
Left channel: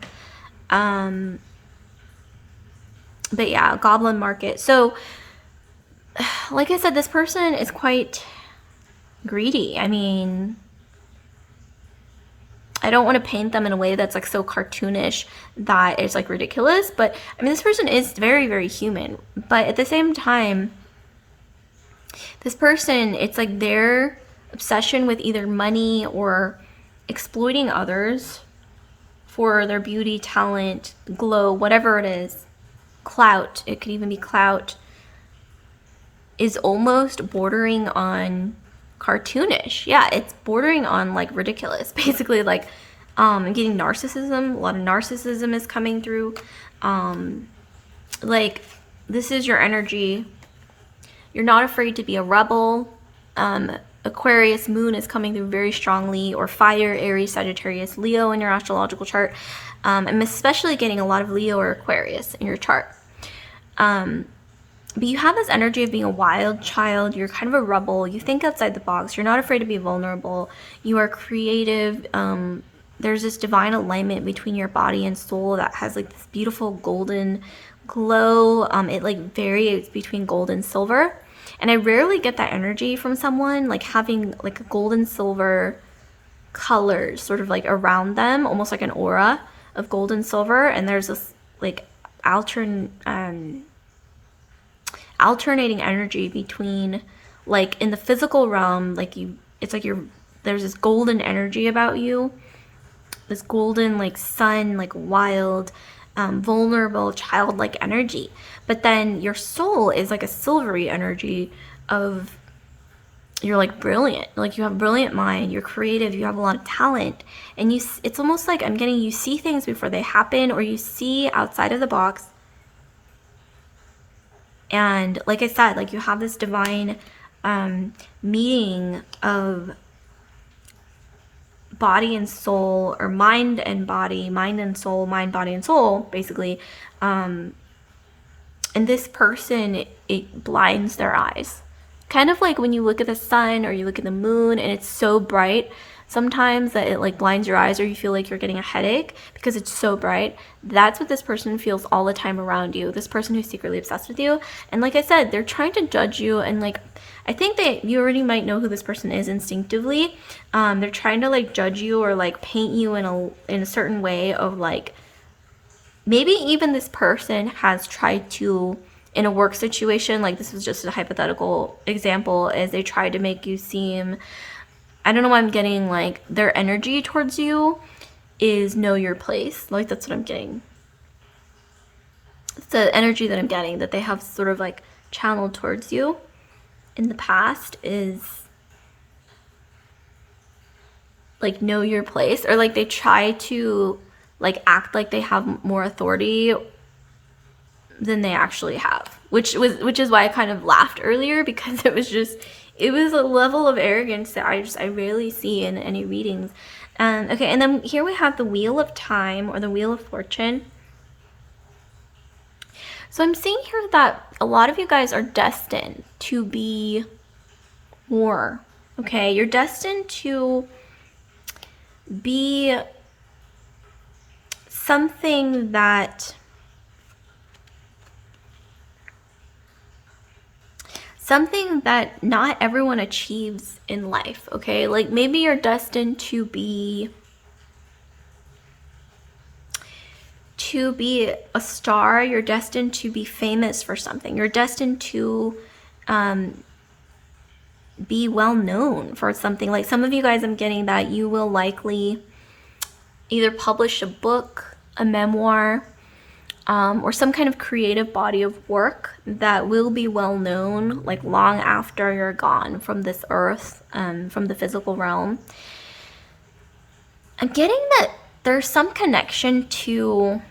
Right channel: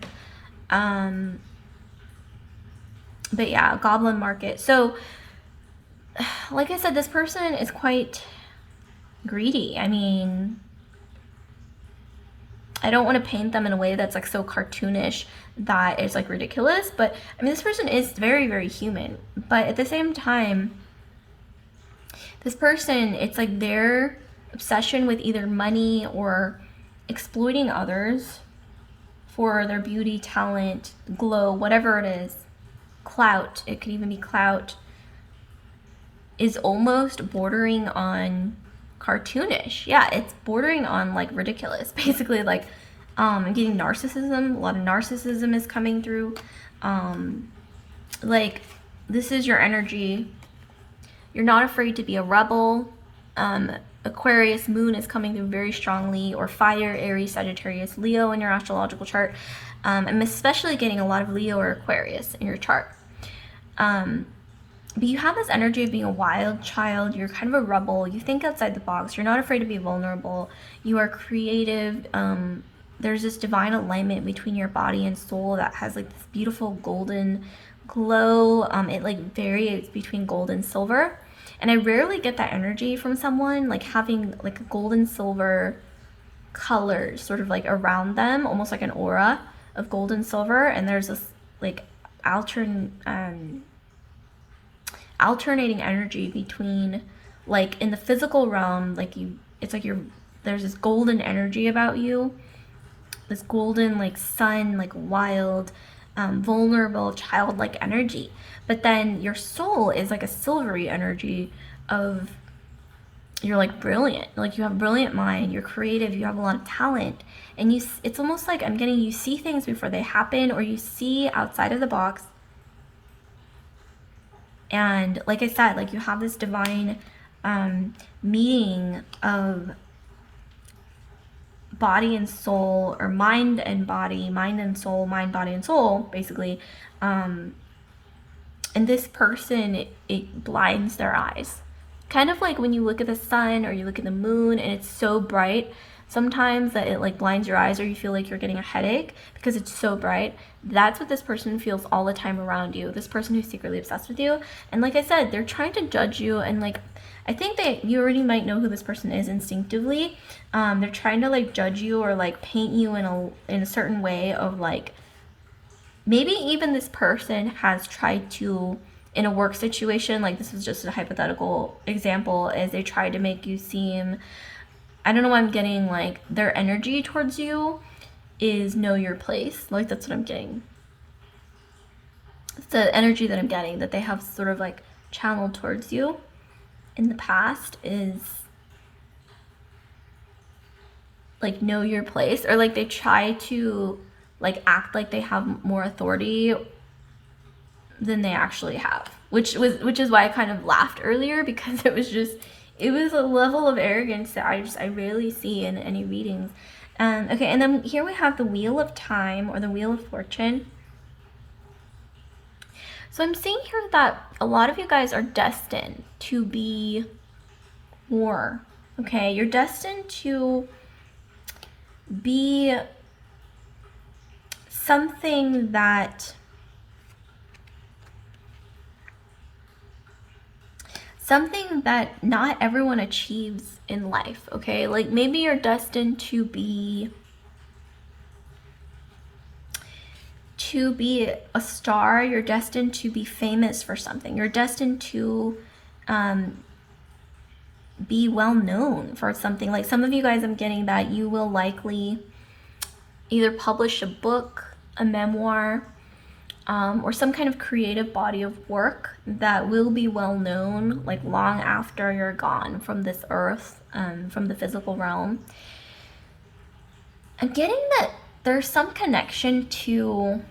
But yeah, goblin market. So like I said, this person is quite greedy. I mean, I don't want to paint them in a way that's like so cartoonish that it's like ridiculous, but I mean, this person is very, very human. But at the same time, this person, it's like their obsession with either money or exploiting others for their beauty, talent, glow, whatever it is, clout, it could even be clout, is almost bordering on cartoonish. Yeah, it's bordering on like ridiculous. Basically, like I'm getting narcissism. A lot of narcissism is coming through. Like this is your energy. You're not afraid to be a rebel. Aquarius moon is coming through very strongly, or fire, Aries, Sagittarius, Leo in your astrological chart. I'm especially getting a lot of Leo or Aquarius in your chart. But you have this energy of being a wild child. You're kind of a rebel. You think outside the box. You're not afraid to be vulnerable. You are creative. There's this divine alignment between your body and soul that has like this beautiful golden glow. It like varies between gold and silver. And I rarely get that energy from someone, like having like a gold and silver colors sort of like around them, almost like an aura of gold and silver. And there's this like alternating energy between, like in the physical realm, like it's like there's this golden energy about you, this golden like sun, like wild, vulnerable, childlike energy. But then your soul is like a silvery energy of, you're like brilliant, like you have a brilliant mind, you're creative, you have a lot of talent, and it's almost like I'm getting, you see things before they happen, or you see outside of the box. And like I said, like you have this divine meeting of body and soul, or mind and body, mind and soul, mind, body, and soul, basically. And this person, it blinds their eyes. Kind of like when you look at the sun or you look at the moon and it's so bright sometimes that it like blinds your eyes, or you feel like you're getting a headache because it's so bright. That's what this person feels all the time around you, this person who's secretly obsessed with you. And like I said, they're trying to judge you, and like I think that you already might know who this person is instinctively. They're trying to like judge you or like paint you in a certain way of like, maybe even this person has tried to, in a work situation, like this was just a hypothetical example, is they tried to make you seem, I don't know why I'm getting like their energy towards you is know your place. Like that's what I'm getting. It's the energy that I'm getting, that they have sort of like channeled towards you in the past, is like know your place, or like they try to like act like they have more authority than they actually have, which is why I kind of laughed earlier, because it was a level of arrogance that I rarely see in any readings. Okay, and then here we have the Wheel of Time, or the Wheel of Fortune. So I'm seeing here that a lot of you guys are destined to be more, okay? You're destined to be something that something that not everyone achieves in life, okay? Like maybe you're destined to be a star, you're destined to be famous for something, you're destined to be well known for something. Like some of you guys, I'm getting that you will likely either publish a book, a memoir, or some kind of creative body of work that will be well known, like long after you're gone from this earth, from the physical realm. I'm getting that there's some connection to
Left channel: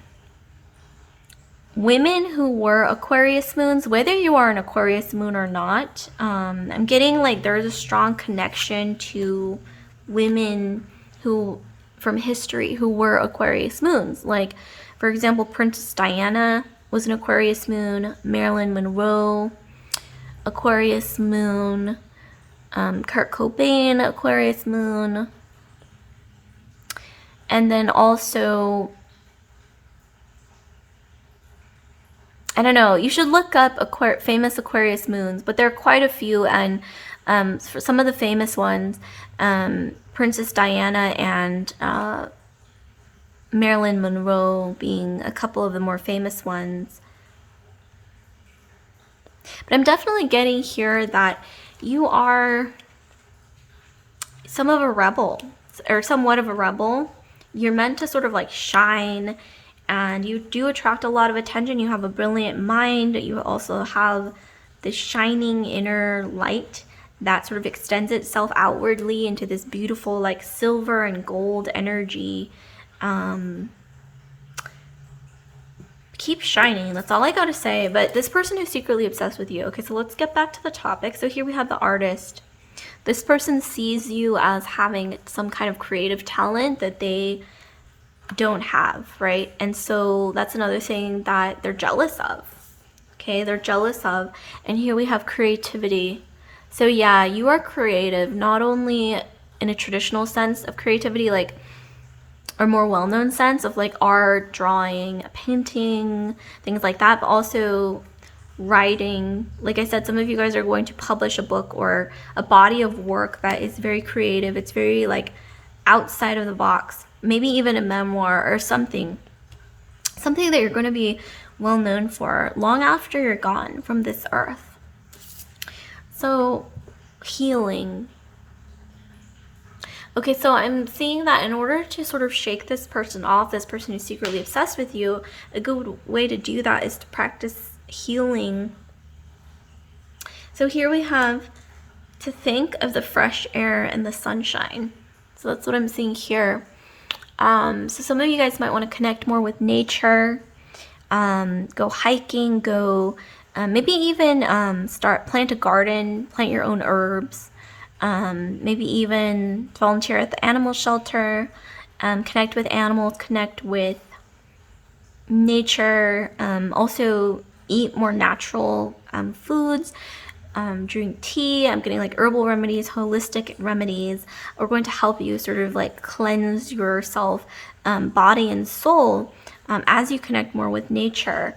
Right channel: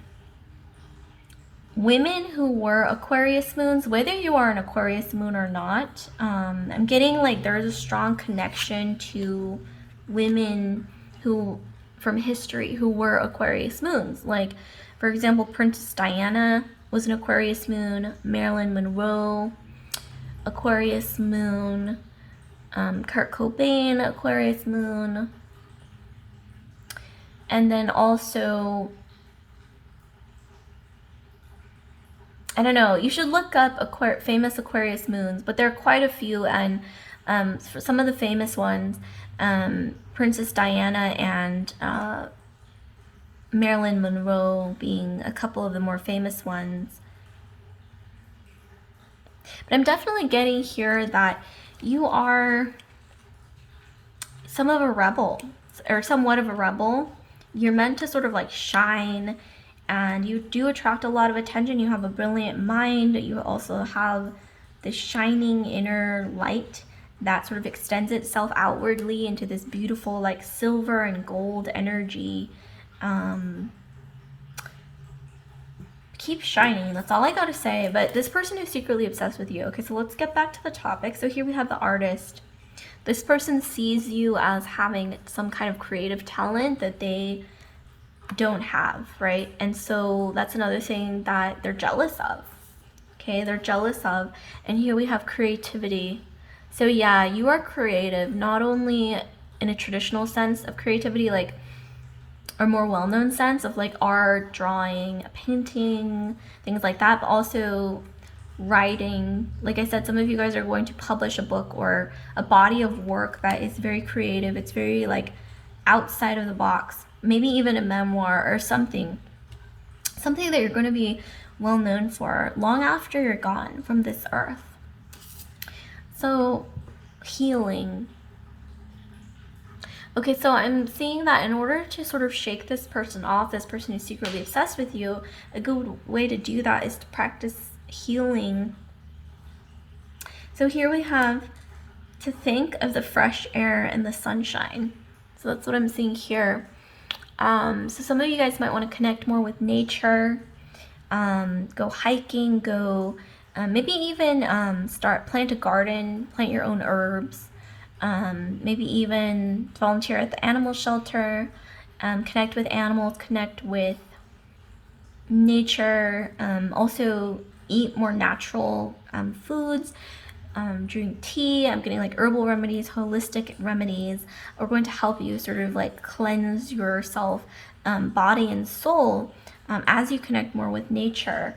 women who were Aquarius moons, whether you are an Aquarius moon or not. I'm getting like there's a strong connection to women who from history who were Aquarius moons. Like, for example, Princess Diana was an Aquarius moon, Marilyn Monroe, Aquarius moon, Kurt Cobain, Aquarius moon, and then also, I don't know, you should look up famous Aquarius moons, but there are quite a few, and for some of the famous ones, Princess Diana and Marilyn Monroe being a couple of the more famous ones. But I'm definitely getting here that you are some of a rebel, or somewhat of a rebel. You're meant to sort of like shine, and you do attract a lot of attention. You have a brilliant mind. You also have this shining inner light that sort of extends itself outwardly into this beautiful like silver and gold energy. Keep shining, that's all I gotta say. But this person is secretly obsessed with you. Okay, so let's get back to the topic. So here we have the artist. This person sees you as having some kind of creative talent that they don't have, right? And so that's another thing that they're jealous of. Okay, they're jealous of. And here we have creativity. So yeah, you are creative, not only in a traditional sense of creativity, like or more well-known sense of like art, drawing, painting, things like that, but also writing. Like I said, some of you guys are going to publish a book or a body of work that is very creative. It's very like outside of the box, maybe even a memoir or something that you're going to be well known for long after you're gone from this earth. So healing. Okay, so I'm seeing that in order to sort of shake this person off, this person who's secretly obsessed with you, a good way to do that is to practice healing. So here we have to think of the fresh air and the sunshine. So that's what I'm seeing here. So some of you guys might want to connect more with nature, go hiking, go maybe even plant a garden, plant your own herbs. Maybe even volunteer at the animal shelter, connect with animals, connect with nature, also eat more natural foods, drink tea. I'm getting like herbal remedies, holistic remedies are going to help you sort of like cleanse yourself, body and soul, as you connect more with nature.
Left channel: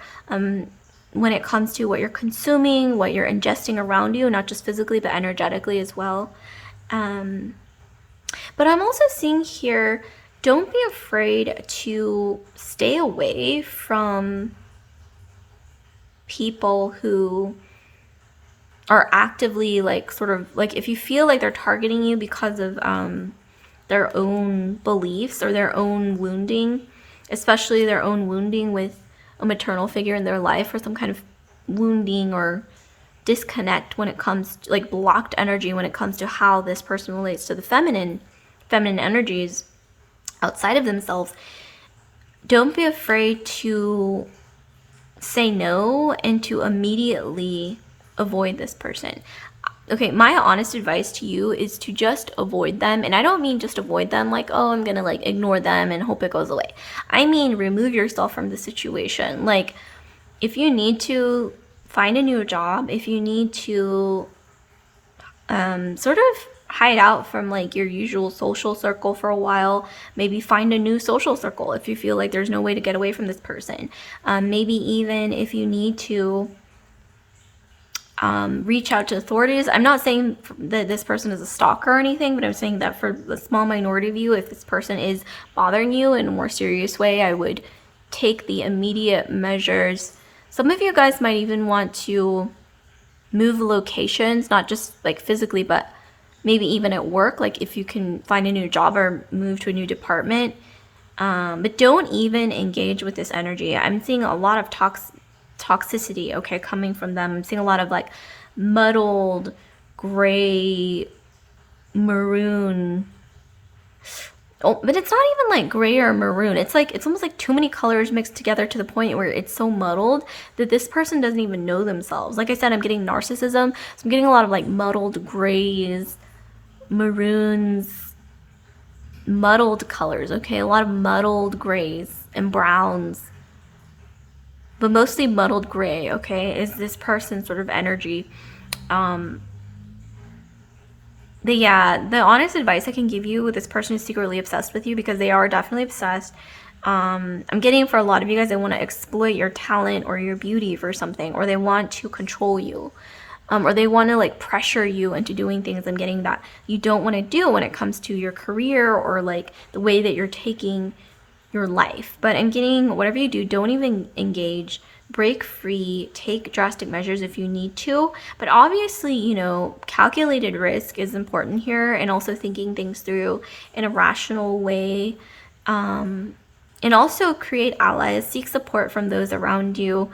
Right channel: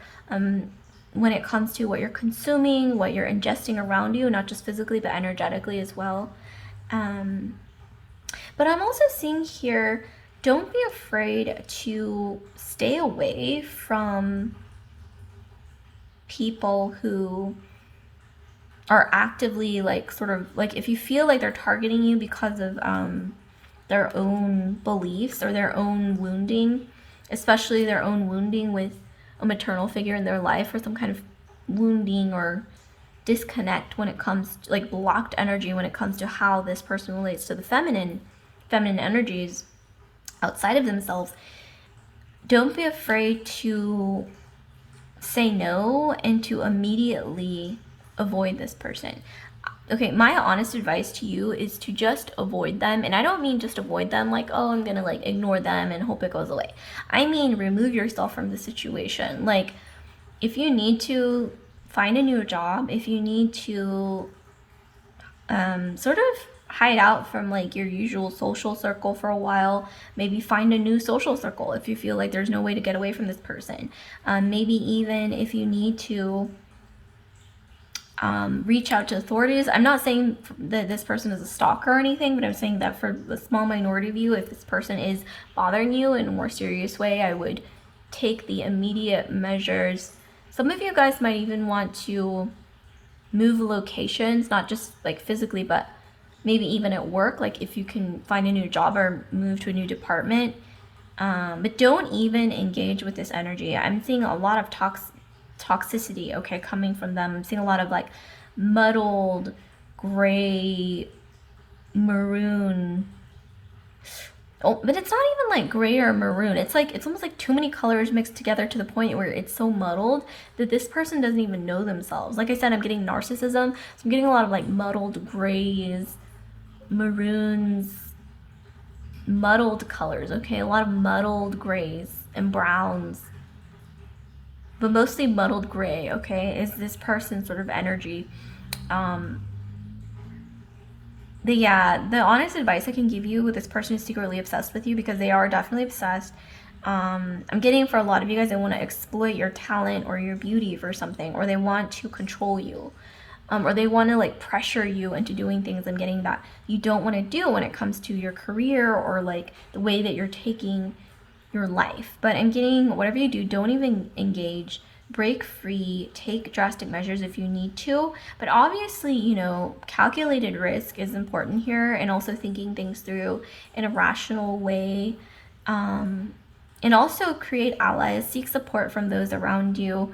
When it comes to what you're consuming, what you're ingesting around you, not just physically, but energetically as well. But I'm also seeing here, don't be afraid to stay away from people who are actively like sort of like, if you feel like they're targeting you because of their own beliefs or their own wounding, especially their own wounding with a maternal figure in their life, or some kind of wounding or disconnect when it comes to like blocked energy when it comes to how this person relates to the feminine energies outside of themselves. Don't be afraid to say no and to immediately avoid this person. Okay, my honest advice to you is to just avoid them. And I don't mean just avoid them like, oh, I'm gonna like ignore them and hope it goes away. I mean remove yourself from the situation. Like, if you need to find a new job, if you need to sort of hide out from like your usual social circle for a while, maybe find a new social circle if you feel like there's no way to get away from this person. Maybe even if you need to reach out to authorities. I'm not saying that this person is a stalker or anything, but I'm saying that for the small minority of you, if this person is bothering you in a more serious way, I would take the immediate measures. Some of you guys might even want to move locations, not just like physically, but maybe even at work, like if you can find a new job or move to a new department. But don't even engage with this energy. I'm seeing a lot of toxicity, okay, coming from them. I'm seeing a lot of like muddled gray, maroon. Oh, but it's not even like gray or maroon. It's like, it's almost like too many colors mixed together to the point where it's so muddled that this person doesn't even know themselves. Like I said, I'm getting narcissism. So I'm getting a lot of like muddled grays, maroons, muddled colors, okay? A lot of muddled grays and browns, but mostly muddled gray, okay, is this person's sort of energy. The honest advice I can give you with this person is secretly obsessed with you, because they are definitely obsessed. I'm getting for a lot of you guys, they want to exploit your talent or your beauty for something, or they want to control you, or they want to like pressure you into doing things. I'm getting that you don't want to do when it comes to your career or like the way that you're taking your life. But I'm getting whatever you do, don't even engage. Break free, take drastic measures if you need to. But obviously, you know, calculated risk is important here, and also thinking things through in a rational way. And also create allies, seek support from those around you.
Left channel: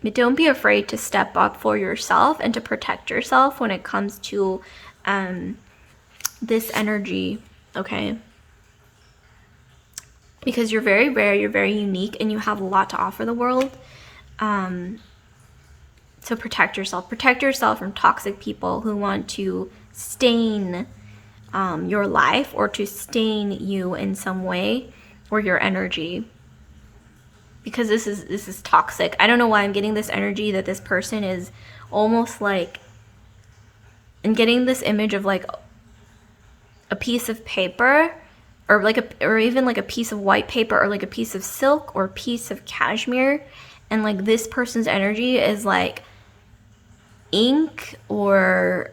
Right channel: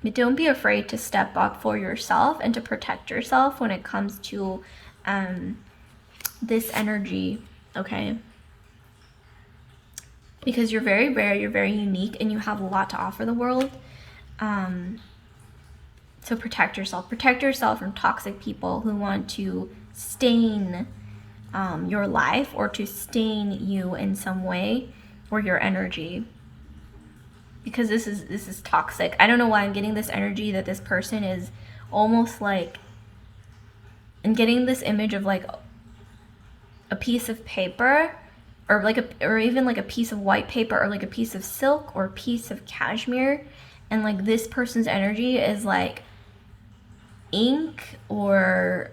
But don't be afraid to step up for yourself and to protect yourself when it comes to this energy, okay? Because you're very rare, you're very unique, and you have a lot to offer the world. So protect yourself. Protect yourself from toxic people who want to stain your life, or to stain you in some way, or your energy. Because this is toxic. I don't know why I'm getting this energy that this person is almost like, and getting this image of like a piece of paper, or like or even like a piece of white paper, or like a piece of silk, or a piece of cashmere, and like this person's energy is like ink, or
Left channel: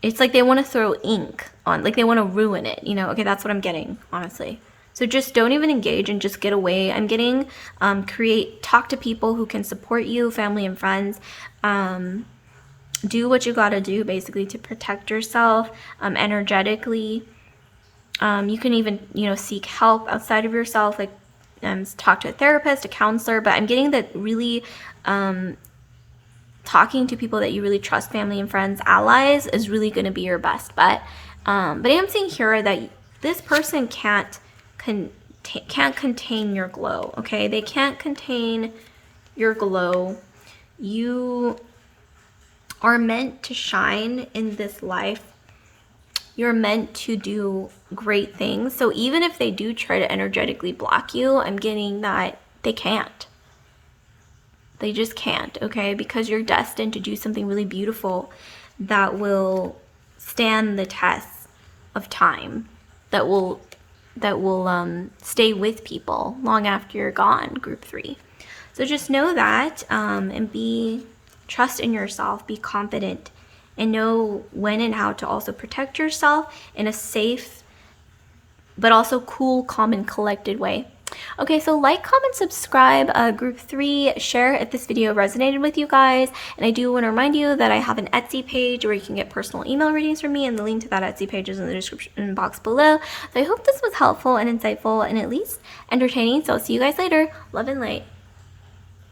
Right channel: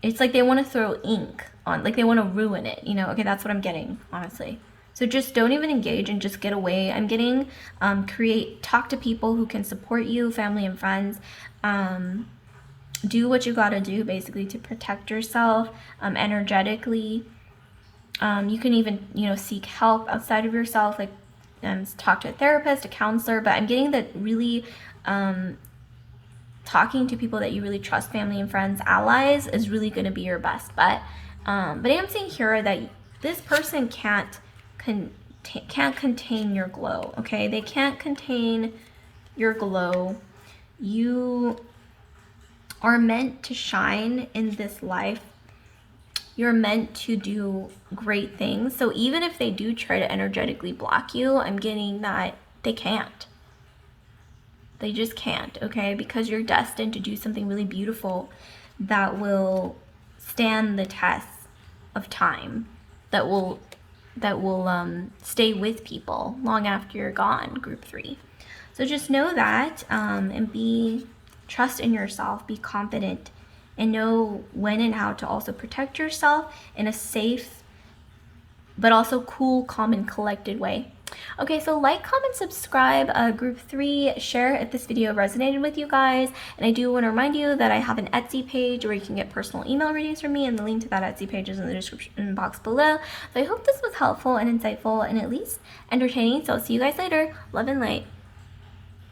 it's like they want to throw ink on, like they want to ruin it, you know? Okay, that's what I'm getting, honestly. So just don't even engage and just get away. I'm getting talk to people who can support you, family and friends. Do what you gotta do basically to protect yourself energetically. You can even, you know, seek help outside of yourself, like talk to a therapist, a counselor. But I'm getting that really talking to people that you really trust, family and friends, allies, is really going to be your best bet. But I am seeing here that this person can't contain your glow, okay? They can't contain your glow. You are meant to shine in this life. You're meant to do great things. So even if they do try to energetically block you, I'm getting that they can't. They just can't, okay? Because you're destined to do something really beautiful that will stand the test of time, that will stay with people long after you're gone, group 3. So just know that, and trust in yourself, be confident, and know when and how to also protect yourself in a safe but also cool, calm, and collected way. Okay, so like, comment, subscribe, group 3, share if this video resonated with you guys. And I do want to remind you that I have an Etsy page where you can get personal email readings from me, and the link to that Etsy page is in the description box below. So I hope this was helpful and insightful and at least entertaining. So I'll see you guys later. Love and light.